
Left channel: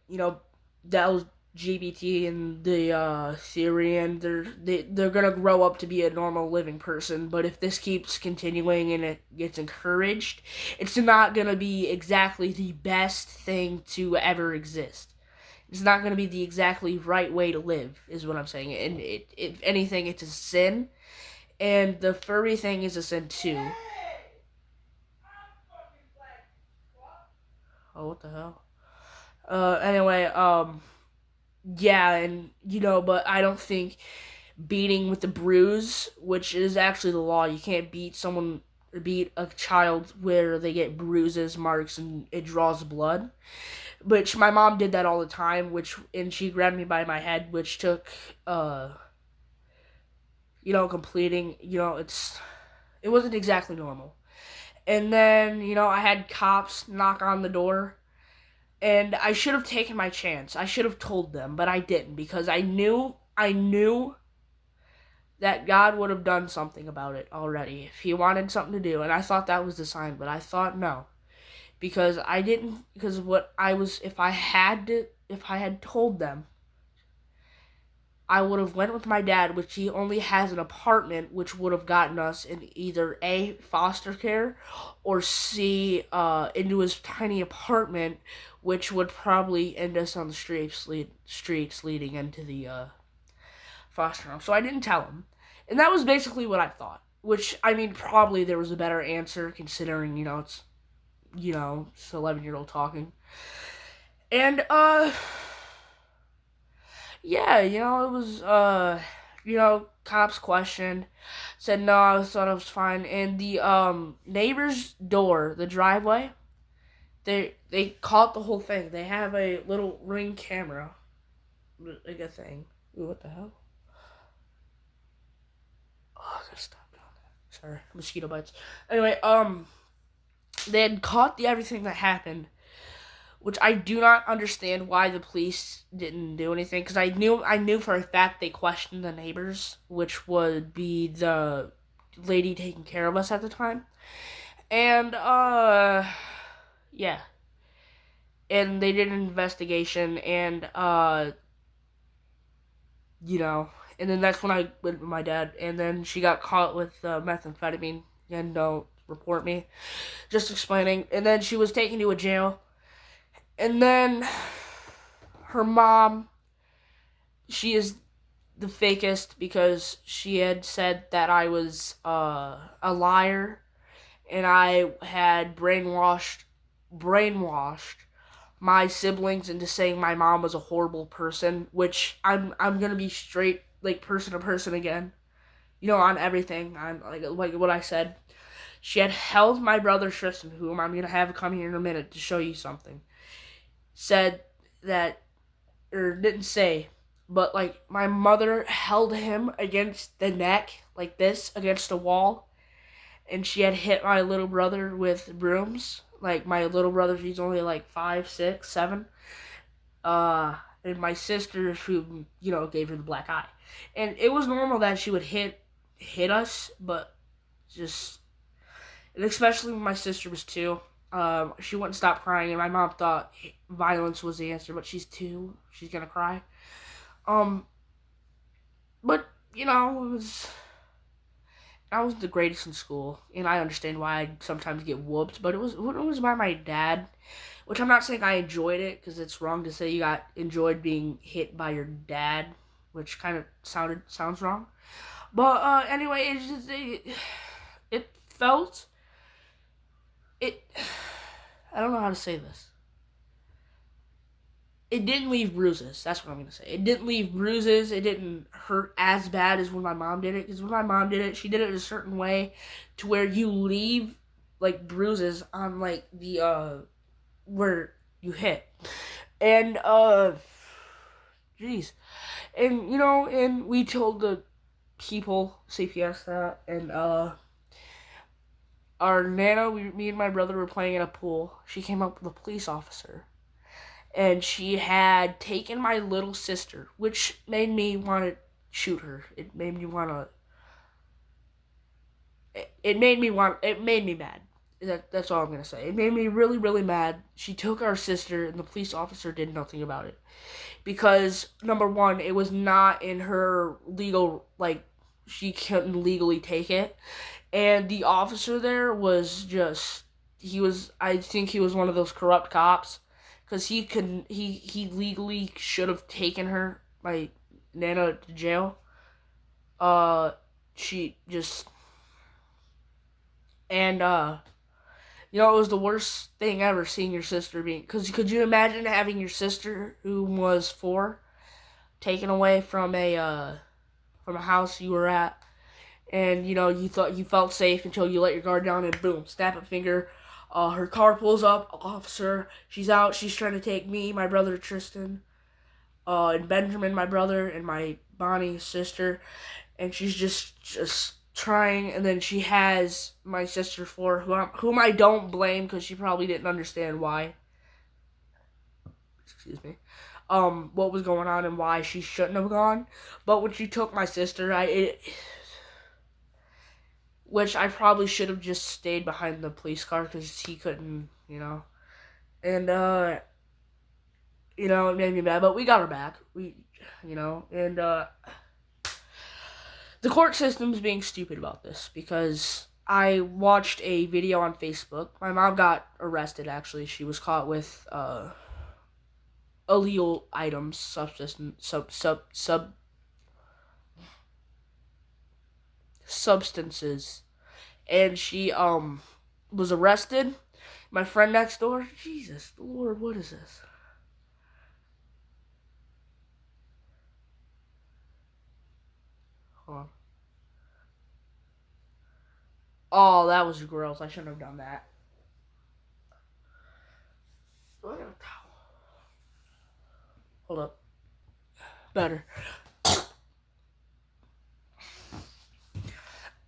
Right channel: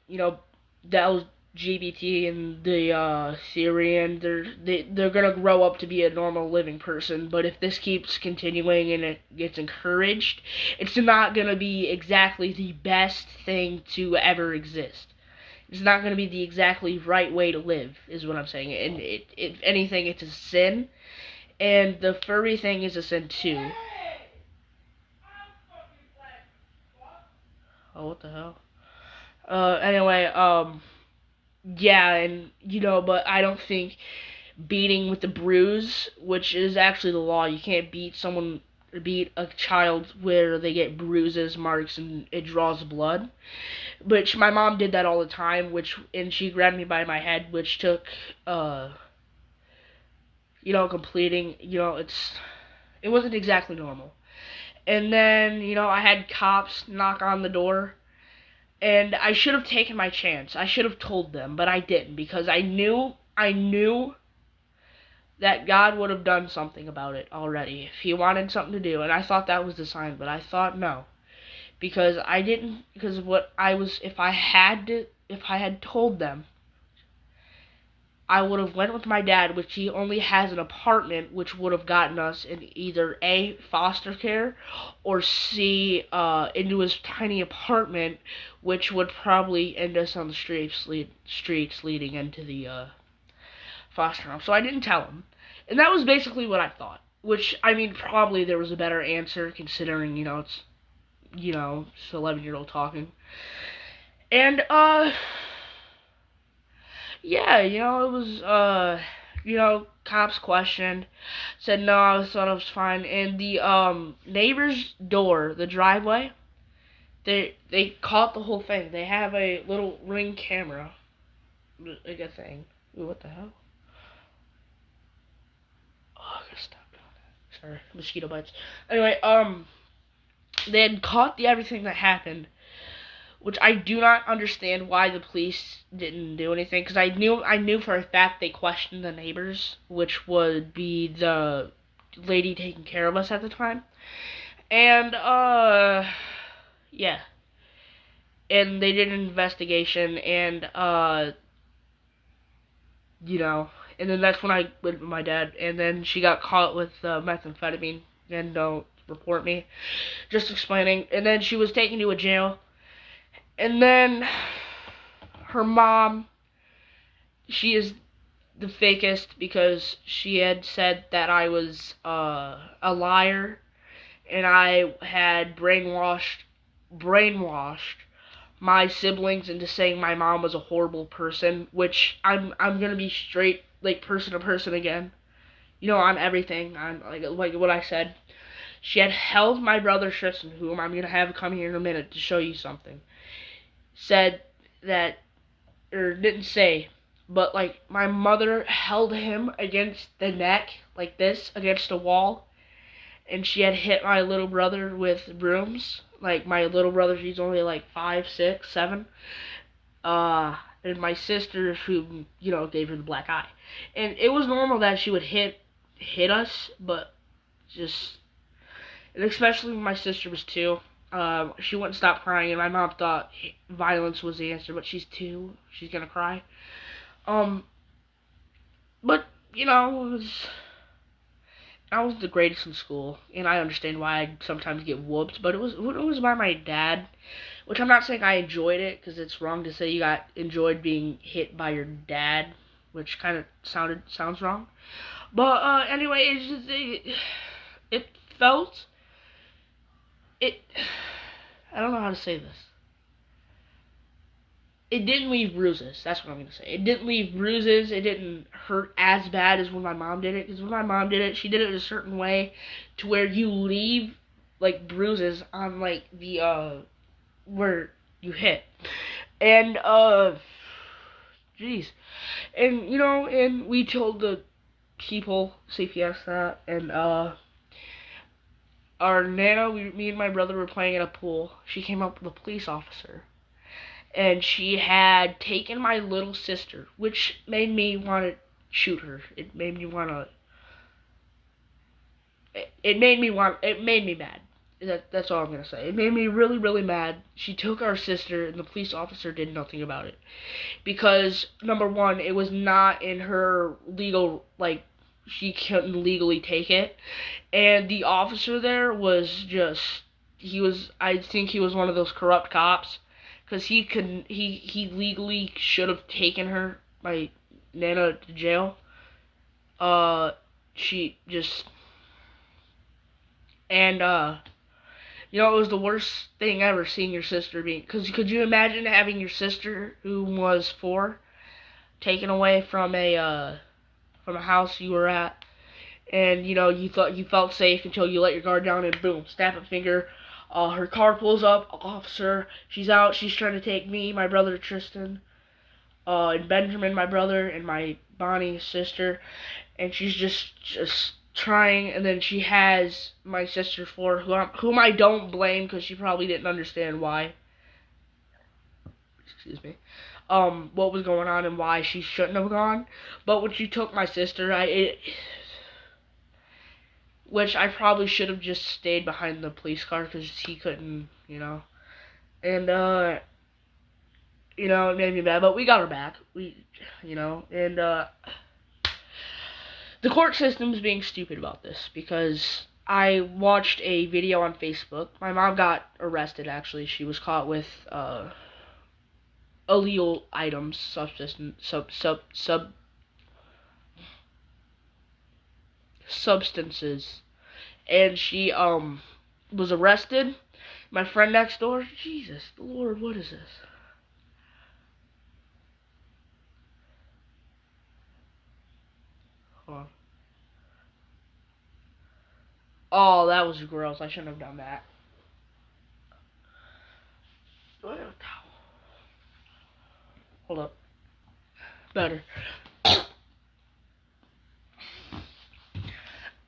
LGBT and the Syrian, they're gonna grow up to be a normal living person. But if this keeps continuing and it gets encouraged, it's not gonna be exactly the best thing to ever exist. It's not gonna be the exactly right way to live, is what I'm saying. And if anything, it's a sin. And the furry thing is a sin too. Oh, what the hell? Anyway, yeah, and but I don't think beating with the bruise, which is actually the law, you can't beat a child where they get bruises, marks, and it draws blood. Which my mom did that all the time, and she grabbed me by my head, which took completing, it wasn't exactly normal. And then, I had cops knock on the door. And I should have taken my chance. I should have told them, but I didn't because I knew that God would have done something about it already if he wanted something to do. And I thought that was the sign, but I thought no. Because if I had told them, I would have went with my dad, which he only has an apartment, which would have gotten us in either A, foster care, or C, into his tiny apartment, which would probably end us on the streets leading into the foster home. So I didn't tell him. And that was basically what I thought. Which, probably there was a better answer, considering, it's 11-year-old talking. And, yeah, it was, cops questioned, said no, I thought it was fine. And the, neighbor's door, the driveway, they caught the whole thing. They have a little Ring camera, like a thing. Ooh, what the hell? Sorry, mosquito bites. Anyway, they had caught the everything that happened, which I do not understand why the police didn't do anything. Because I knew for a fact they questioned the neighbors, which would be the lady taking care of us at the time, and yeah, and they did an investigation, and you know, and then that's when I went with my dad, and then she got caught with methamphetamine, and don't report me, just explaining, and then she was taken to a jail, and then her mom, she is the fakest because she had said that I was a liar, and I had brainwashed my siblings into saying my mom was a horrible person, which I'm gonna be straight, like, person to person again. On everything, on like what I said. She had held my brother Tristan, whom I'm gonna have come here in a minute to show you something. Said that, or didn't say, but like my mother held him against the neck like this against a wall, and she had hit my little brother with brooms. Like my little brother, he's only like 5, 6, 7. And my sister, who gave her the black eye, and it was normal that she would hit us, but just, and especially when my sister was 2. She wouldn't stop crying, and my mom thought violence was the answer, but she's 2, she's gonna cry. But I was the greatest in school, and I understand why I sometimes get whooped, but it was by my dad, which I'm not saying I enjoyed it, because it's wrong to say you got enjoyed being hit by your dad, which kind of sounds wrong. But anyway, it felt it. I don't know how to say this. It didn't leave bruises. That's what I'm gonna say. It didn't leave bruises. It didn't hurt as bad as when my mom did it. Because when my mom did it, she did it a certain way to where you leave like bruises on like the where you hit, and jeez, and and we told the people CPS that, and our nana, me and my brother were playing in a pool. She came up with a police officer, and she had taken my little sister, which made me want to shoot her. It made me mad. That's all I'm gonna say. It made me really, really mad. She took our sister, and the police officer did nothing about it, because number one, it was not in her legal, like, she couldn't legally take it, and the officer there was just, I think he was one of those corrupt cops, because he legally should have taken her, my nana, to jail. She just, and it was the worst thing ever, seeing your sister being, because could you imagine having your sister, who was 4, taken away from a house you were at, and you thought you felt safe until you let your guard down, and boom, snap a finger. Her car pulls up, officer. She's out. She's trying to take me, my brother Tristan, and Benjamin, my brother, and my Bonnie sister, and she's just trying. And then she has my sister 4, whom I don't blame, because she probably didn't understand why. Excuse me. What was going on and why she shouldn't have gone. But when she took my sister, which I probably should have just stayed behind the police car, because he couldn't, and it made me mad. But we got her back. And the court system's being stupid about this, because I watched a video on Facebook. My mom got arrested. Actually, she was caught with illegal items, substances, and she was arrested. My friend next door, Jesus Lord, what is this? Hold on. Oh, that was gross. I shouldn't have done that. Do I have a towel? Hold up. Better.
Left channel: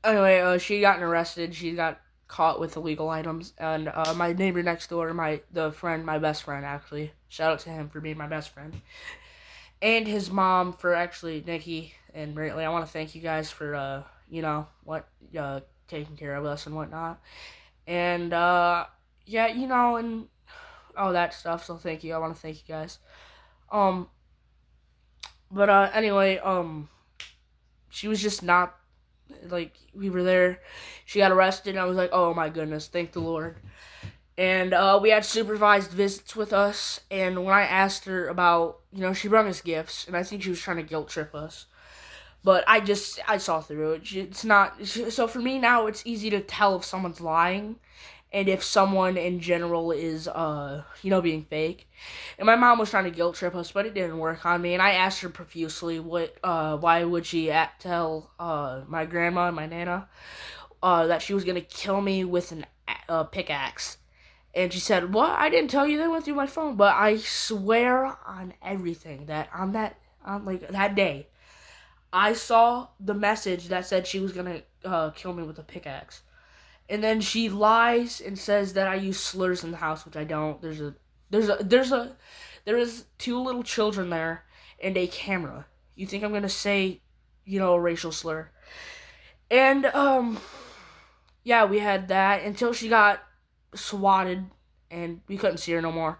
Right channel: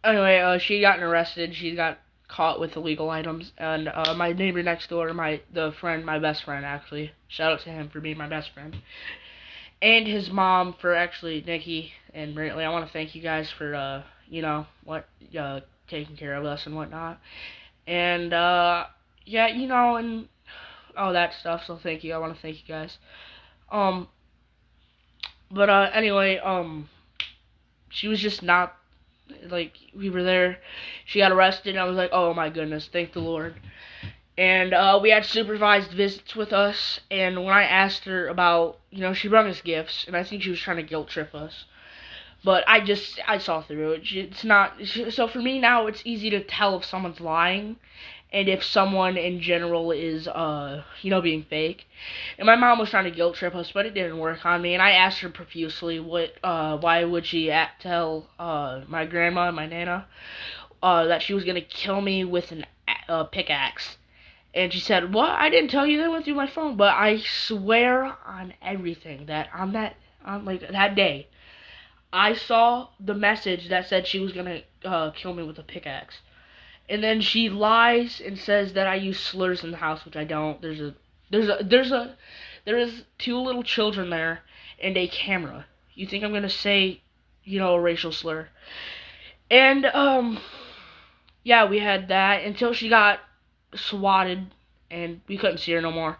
Anyway, she got arrested. She got caught with illegal items, and my neighbor next door, my best friend actually. Shout out to him for being my best friend, and his mom for actually Nikki and Brantley. I want to thank you guys for taking care of us and whatnot, and yeah, and all that stuff. So thank you. I want to thank you guys. Um, but anyway, she was just not like we were there. She got arrested, and I was like, oh my goodness, thank the Lord. And we had supervised visits with us. And when I asked her about, she brought us gifts, and I think she was trying to guilt trip us. But I saw through it. It's not. So for me now, it's easy to tell if someone's lying and if someone in general is, being fake. And my mom was trying to guilt trip us, but it didn't work on me. And I asked her profusely, why would she tell my grandma and my nana that she was gonna kill me with a pickaxe? And she said, "What? I didn't tell you that went through my phone." But I swear on everything that on like that day, I saw the message that said she was gonna kill me with a pickaxe. And then she lies and says that I use slurs in the house, which I don't. There's two little children there and a camera. You think I'm gonna say, a racial slur? And yeah, we had that until she got swatted and we couldn't see her no more,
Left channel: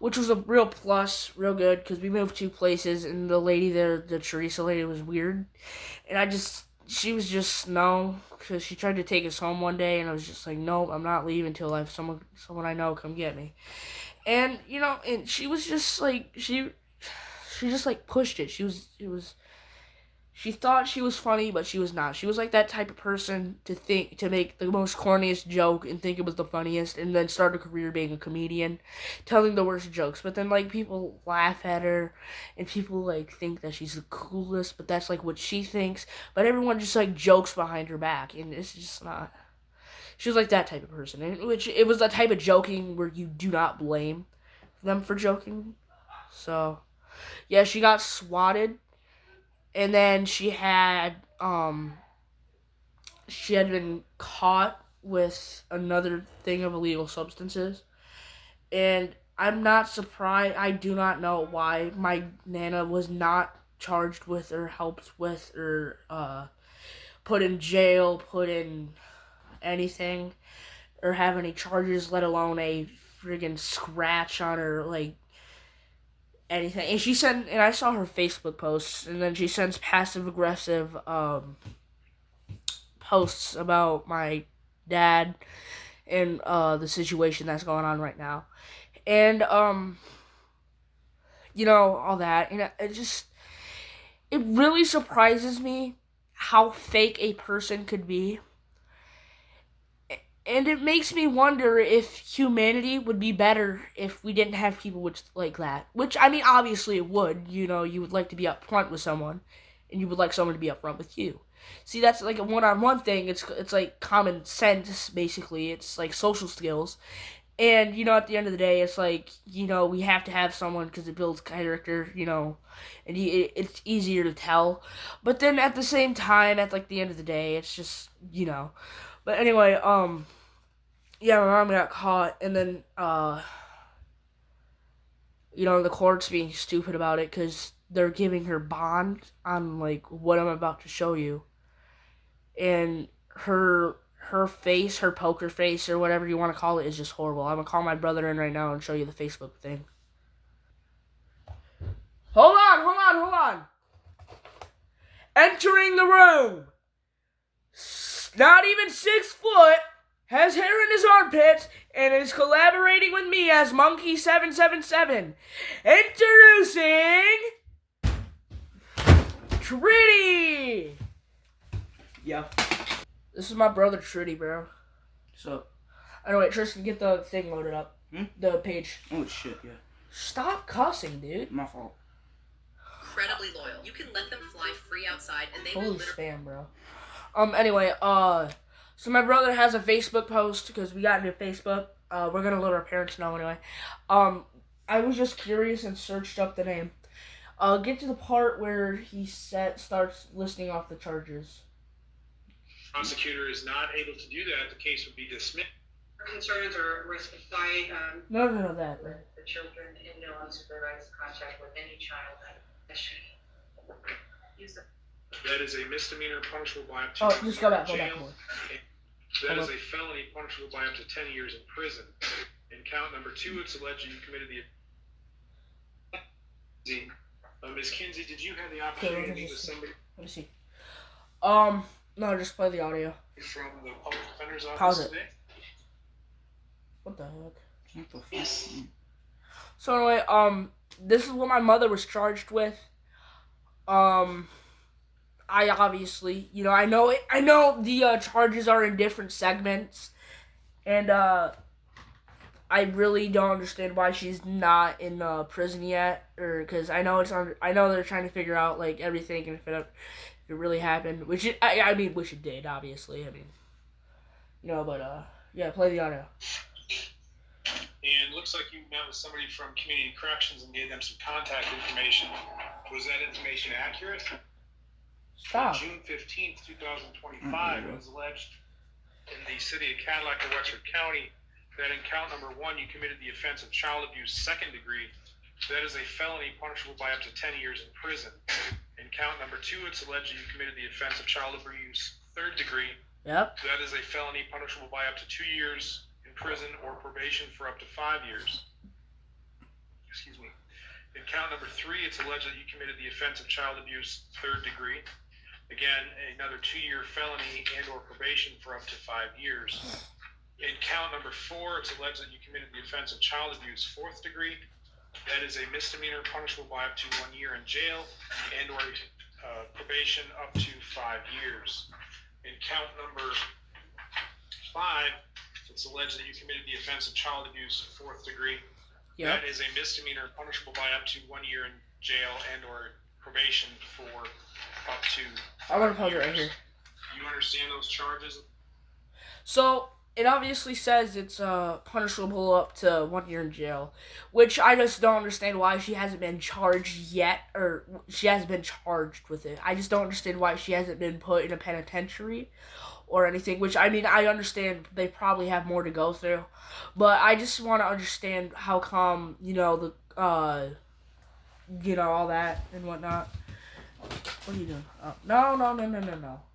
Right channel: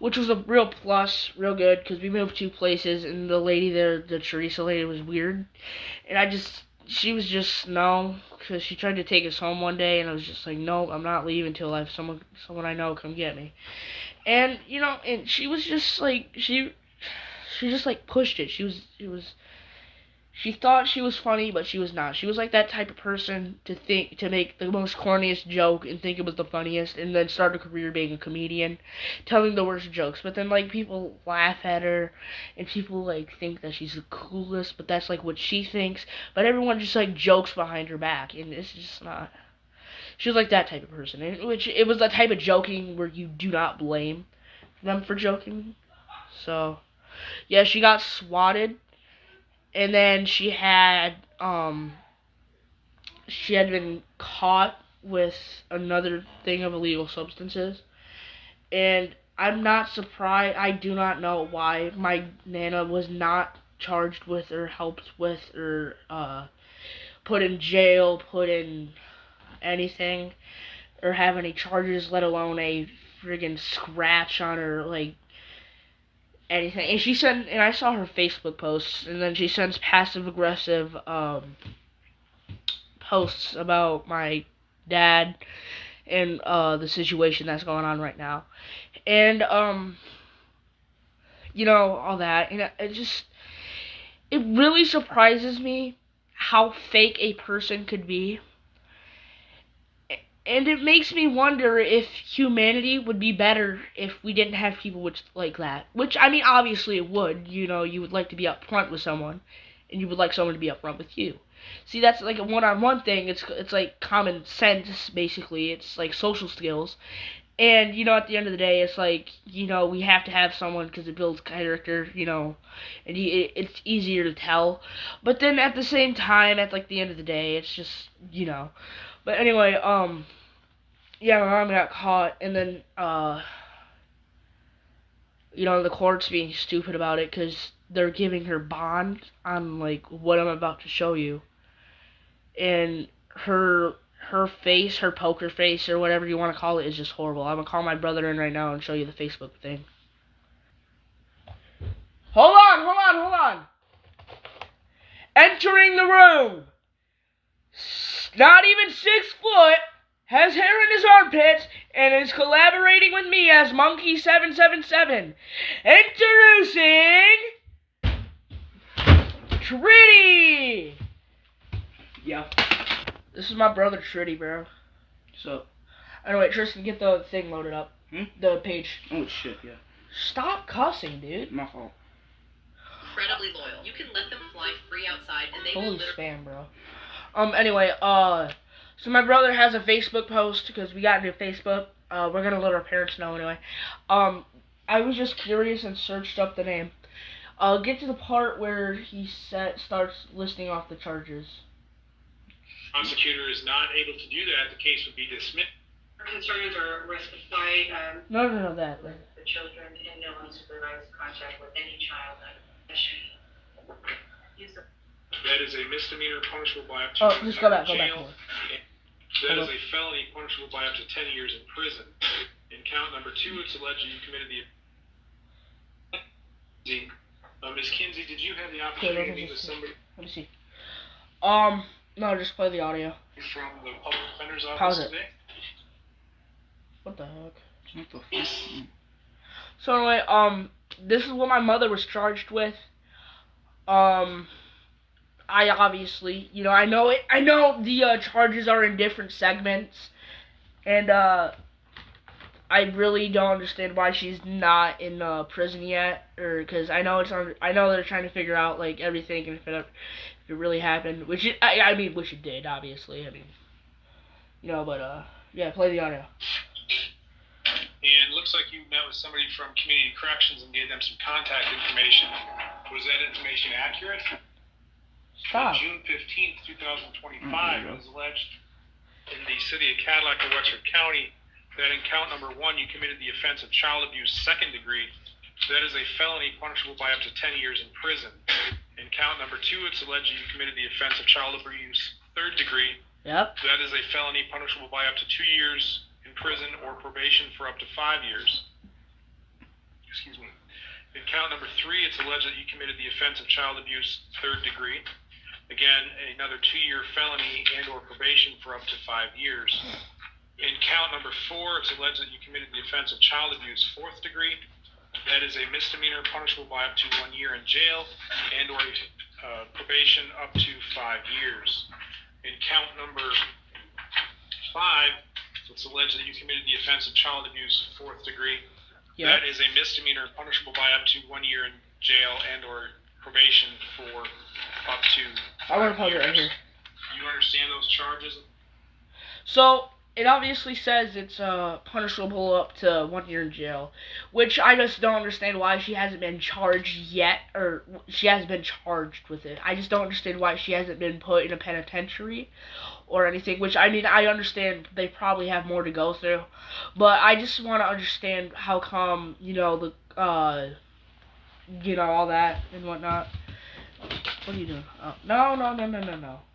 which was a real plus, real good because we moved two places and the lady there, the Teresa lady, was weird, and she was just no, because she tried to take us home one day and I was just like, nope, I'm not leaving until I have someone I know come get me, and and she was just like she just like pushed it. She thought she was funny, but she was not. She was like that type of person to make the most corniest joke and think it was the funniest, and then start a career being a comedian, telling the worst jokes. But then like people laugh at her, and people like think that she's the coolest, but that's like what she thinks. But everyone just like jokes behind her back, and it's just not. She was like that type of person, and which it was the type of joking where you do not blame them for joking. So yeah, she got swatted, and then she had been caught with another thing of illegal substances, and I'm not surprised. I do not know why my nana was not charged with or helped with or put in jail, put in anything, or have any charges, let alone a friggin' scratch on her, like anything. And and I saw her Facebook posts, and then she sends passive aggressive posts about my dad and the situation that's going on right now, and all that, and it really surprises me how fake a person could be, and it makes me wonder if humanity would be better if we didn't have people like that. Which, I mean, obviously it would. You would like to be upfront with someone, and you would like someone to be upfront with you. See, that's like a one-on-one thing. It's like common sense, basically. It's like social skills. And, at the end of the day, it's like, we have to have someone because it builds character, and it's easier to tell. But then at the same time, at like the end of the day, it's just, But anyway, yeah, my mom got caught, and then, the court's being stupid about it because they're giving her bond on, like, what I'm about to show you. And her face, her poker face, or whatever you want to call it, is just horrible. I'm going to call my brother in right now and show you the Facebook thing. Hold on. Entering the room. Not even 6 foot. Has hair in his armpits, and is collaborating with me as Monkey777. Introducing Tritty! Yeah. This is my brother Tritty, bro. So, anyway, Tristan, get the thing loaded up. The page. Oh, shit, yeah. Stop cussing, dude. My fault. Incredibly loyal. You can let them fly free outside, and they Holy will spam, bro. Anyway, so my brother has a Facebook post because we got into Facebook. We're gonna let our parents know anyway. I was just curious and searched up the name. Get to the part where he starts listing off the charges. Prosecutor is not able to do that, the case would be dismissed. Concerns or risk of flight, No, that. the children in no unsupervised contact with any child that should use the. That is a misdemeanor punishable by up to Oh, just go back jail. more. That is a felony punishable by up to 10 years in prison. In count number 2, it's alleged you committed the. Ms. Kinsey, did you have the opportunity to meet with somebody? Let me see. No, just play the audio. From the public defender's office Pause it. today? What the heck? What the fuck? So anyway, this is what my mother was charged with. I obviously, I know it. I know the charges are in different segments, and I really don't understand why she's not in prison yet, or because I know I know they're trying to figure out like everything and if it really happened, which it did, obviously. But yeah, play the audio. And looks like you met with somebody from Community Corrections and gave them some contact information. Was that information accurate? Stop. On June 15th, 2025, it was alleged in the city of Cadillac of Wexford County that in count number 1, you committed the offense of child abuse 2nd degree. That is a felony punishable by up to 10 years in prison. In count number 2, it's alleged you committed the offense of child abuse 3rd degree. Yep. That is a felony punishable by up to 2 years in prison or probation for up to 5 years. Excuse me. In count number 3, it's alleged that you committed the offense of child abuse 3rd degree. Again, another 2-year felony and or probation for up to 5 years. In count number 4, it's alleged that you committed the offense of child abuse 4th degree. That is a misdemeanor punishable by up to 1 year in jail and or probation up to 5 years. In count number 5, it's alleged that you committed the offense of child abuse 4th degree. Yep. That is a misdemeanor punishable by up to 1 year in jail and or probation for up to. I want to pause it right here. You understand those charges? So it obviously says it's punishable up to 1 year in jail, which I just don't understand why she hasn't been charged yet, or she hasn't been charged with it. I just don't understand why she hasn't been put in a penitentiary or anything, which I understand they probably have more to go through, but I just want to understand how come, all that and whatnot. What are you doing? Oh,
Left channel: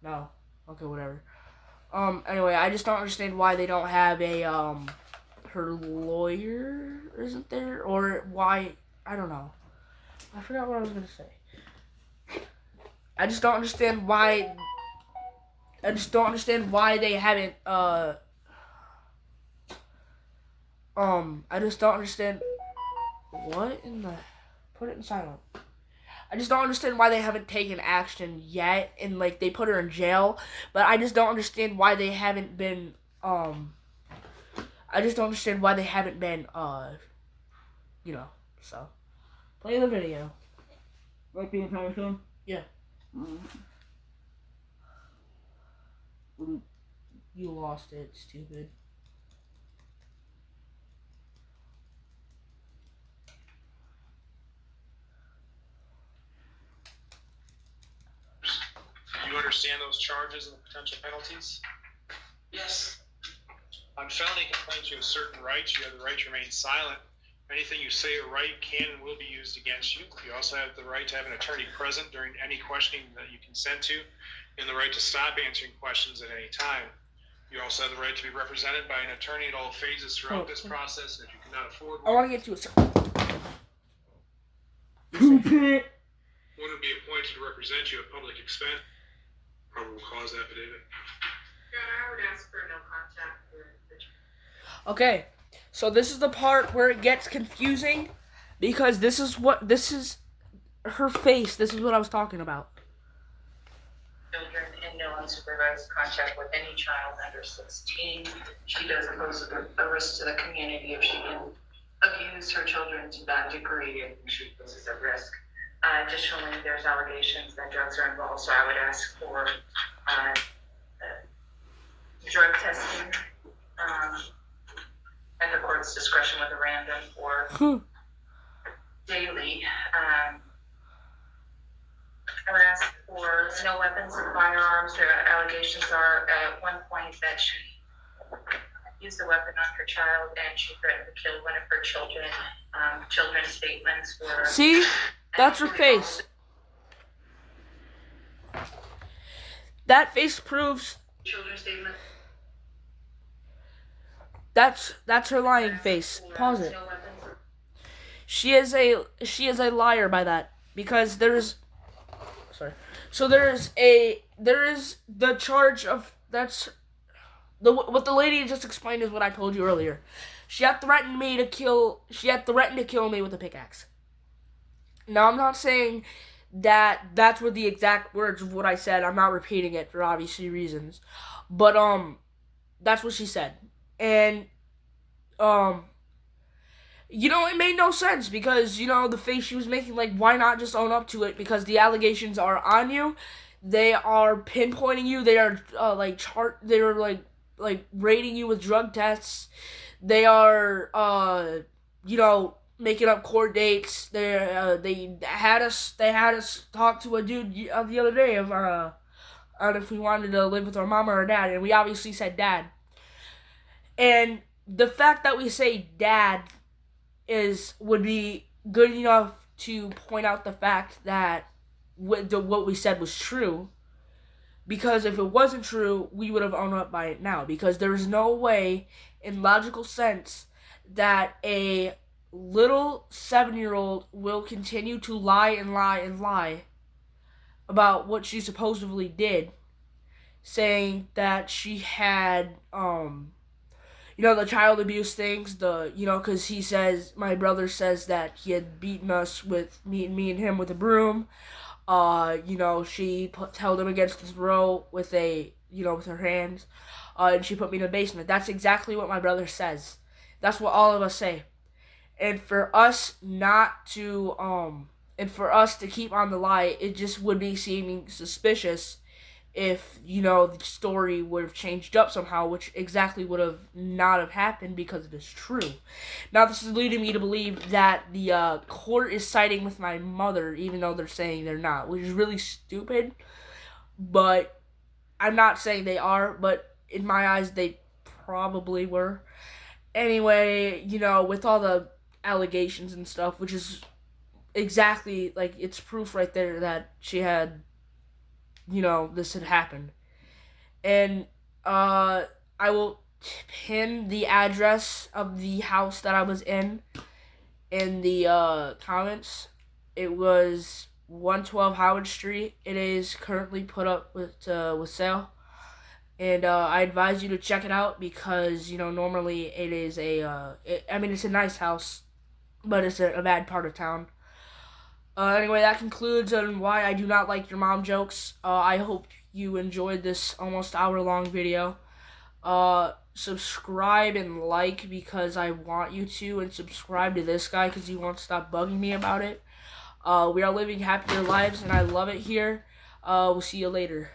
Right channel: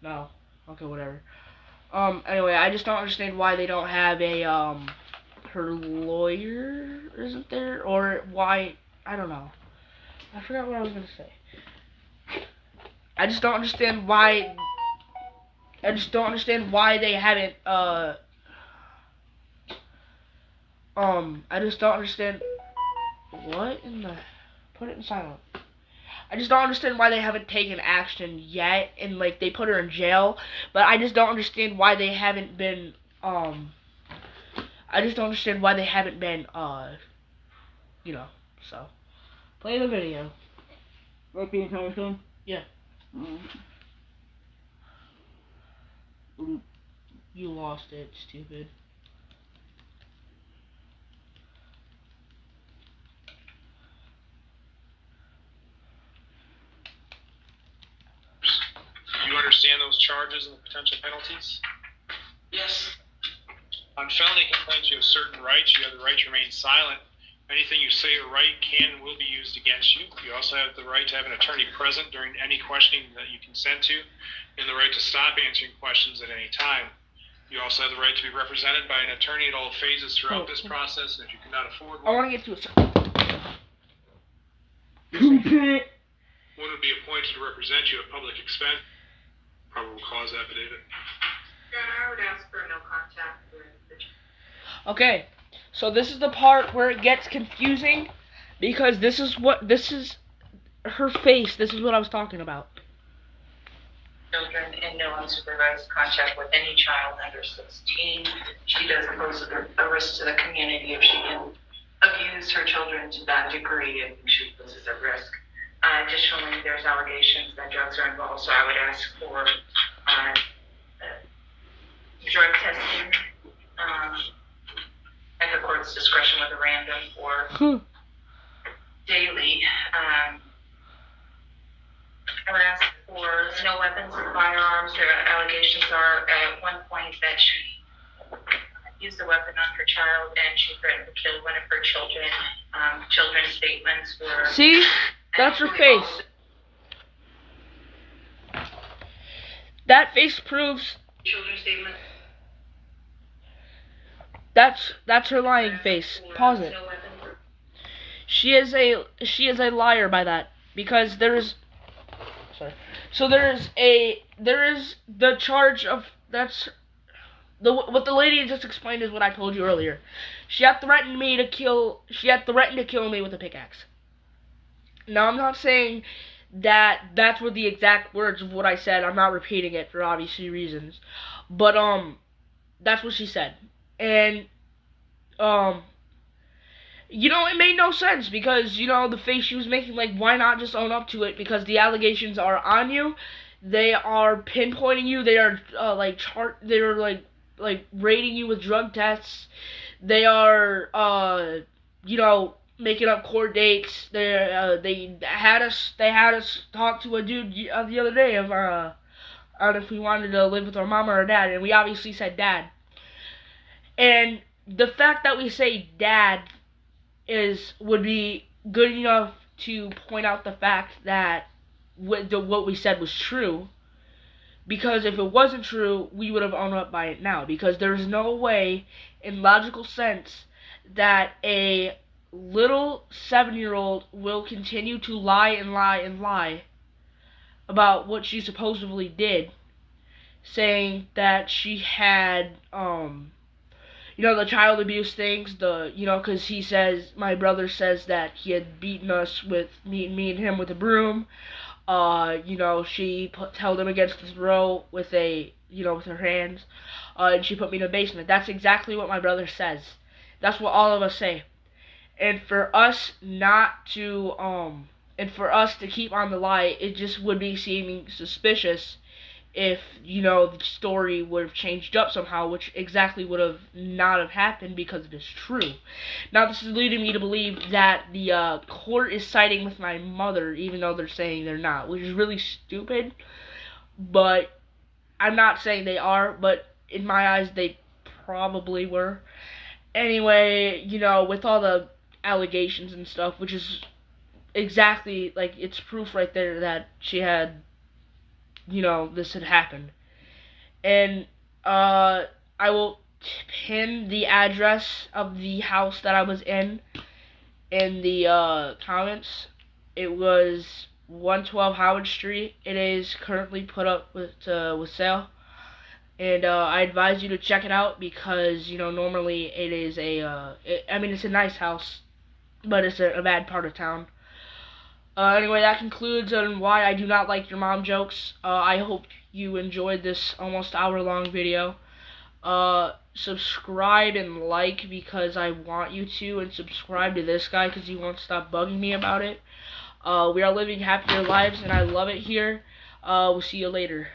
no. Okay, whatever. Anyway, I just don't understand why they don't have a, her lawyer isn't there, or why, I don't know. I forgot what I was gonna say. I just don't understand why they haven't, I just don't understand, what in the, put it in silent. I just don't understand why they haven't taken action yet, and like they put her in jail, but I just don't understand why they haven't been so play the video. Right being time? Yeah. You lost it, stupid. You understand those charges and the potential penalties? Yes. On felony complaints, you have certain rights. You have the right to remain silent. Anything you say or write can and will be used against you. You also have the right to have an attorney present during any questioning that you consent to, and the right to stop answering questions at any time. You also have the right to be represented by an attorney at all phases throughout this process, and if you cannot afford one, I want to get to it. one would be appointed to represent you at public expense. Probable cause affidavit. I would ask for no contact with the child. Okay, so this is the part where it gets confusing, because this is her face. This is what I was talking about. Children in no unsupervised contact with any child under 16. She does pose a risk to the community if she can abuse her children to that degree, and she poses a risk. Additionally, there's allegations that drugs are involved, so I would ask for drug testing at the court's discretion with a random or daily harassed for no weapons and firearms. Her allegations are at one point that she used a weapon on her child and she threatened to kill one of her children. Children's statements were... See? That's her face. That face proves... Children's statement. That's her lying face. Pause it. She is a liar by that, because there is the charge of what the lady just explained is what I told you earlier. She had threatened to kill me with a pickaxe. Now, I'm not saying that that's what the exact words of what I said. I'm not repeating it for obvious reasons. But that's what she said. And it made no sense, because the face she was making, like, why not just own up to it? Because the allegations are on you. They are pinpointing you. They are like rating you with drug tests. They are making up court dates. They had us talk to a dude the other day of on if we wanted to live with our mom or our dad, and we obviously said dad. And the fact that we say dad would be good enough to point out the fact that what we said was true. Because if it wasn't true, we would have owned up by it now. Because there's no way, in logical sense, that a little 7-year-old will continue to lie and lie and lie about what she supposedly did, saying that she had the child abuse things, because my brother says that he had beaten us with me and him with a broom. She held him against the throat with with her hands, and she put me in the basement. That's exactly what my brother says. That's what all of us say. And for us to keep on the lie, it just would be seeming suspicious if, the story would have changed up somehow, which exactly would have not have happened because it is true. Now, this is leading me to believe that the court is siding with my mother, even though they're saying they're not, which is really stupid. But I'm not saying they are, but in my eyes, they probably were. Anyway, with all the allegations and stuff, which is exactly, like, it's proof right there that she had, this had happened. And I will pin the address of the house that I was in the comments. It was 112 Howard Street. It is currently put up with sale. And I advise you to check it out, because normally it is it's a nice house, but it's a bad part of town. Anyway, that concludes on why I do not like your mom jokes. I hope you enjoyed this almost hour-long video. Subscribe and like, because I want you to, and subscribe to this guy because he won't stop bugging me about it. We are living happier lives, and I love it here. We'll see you later.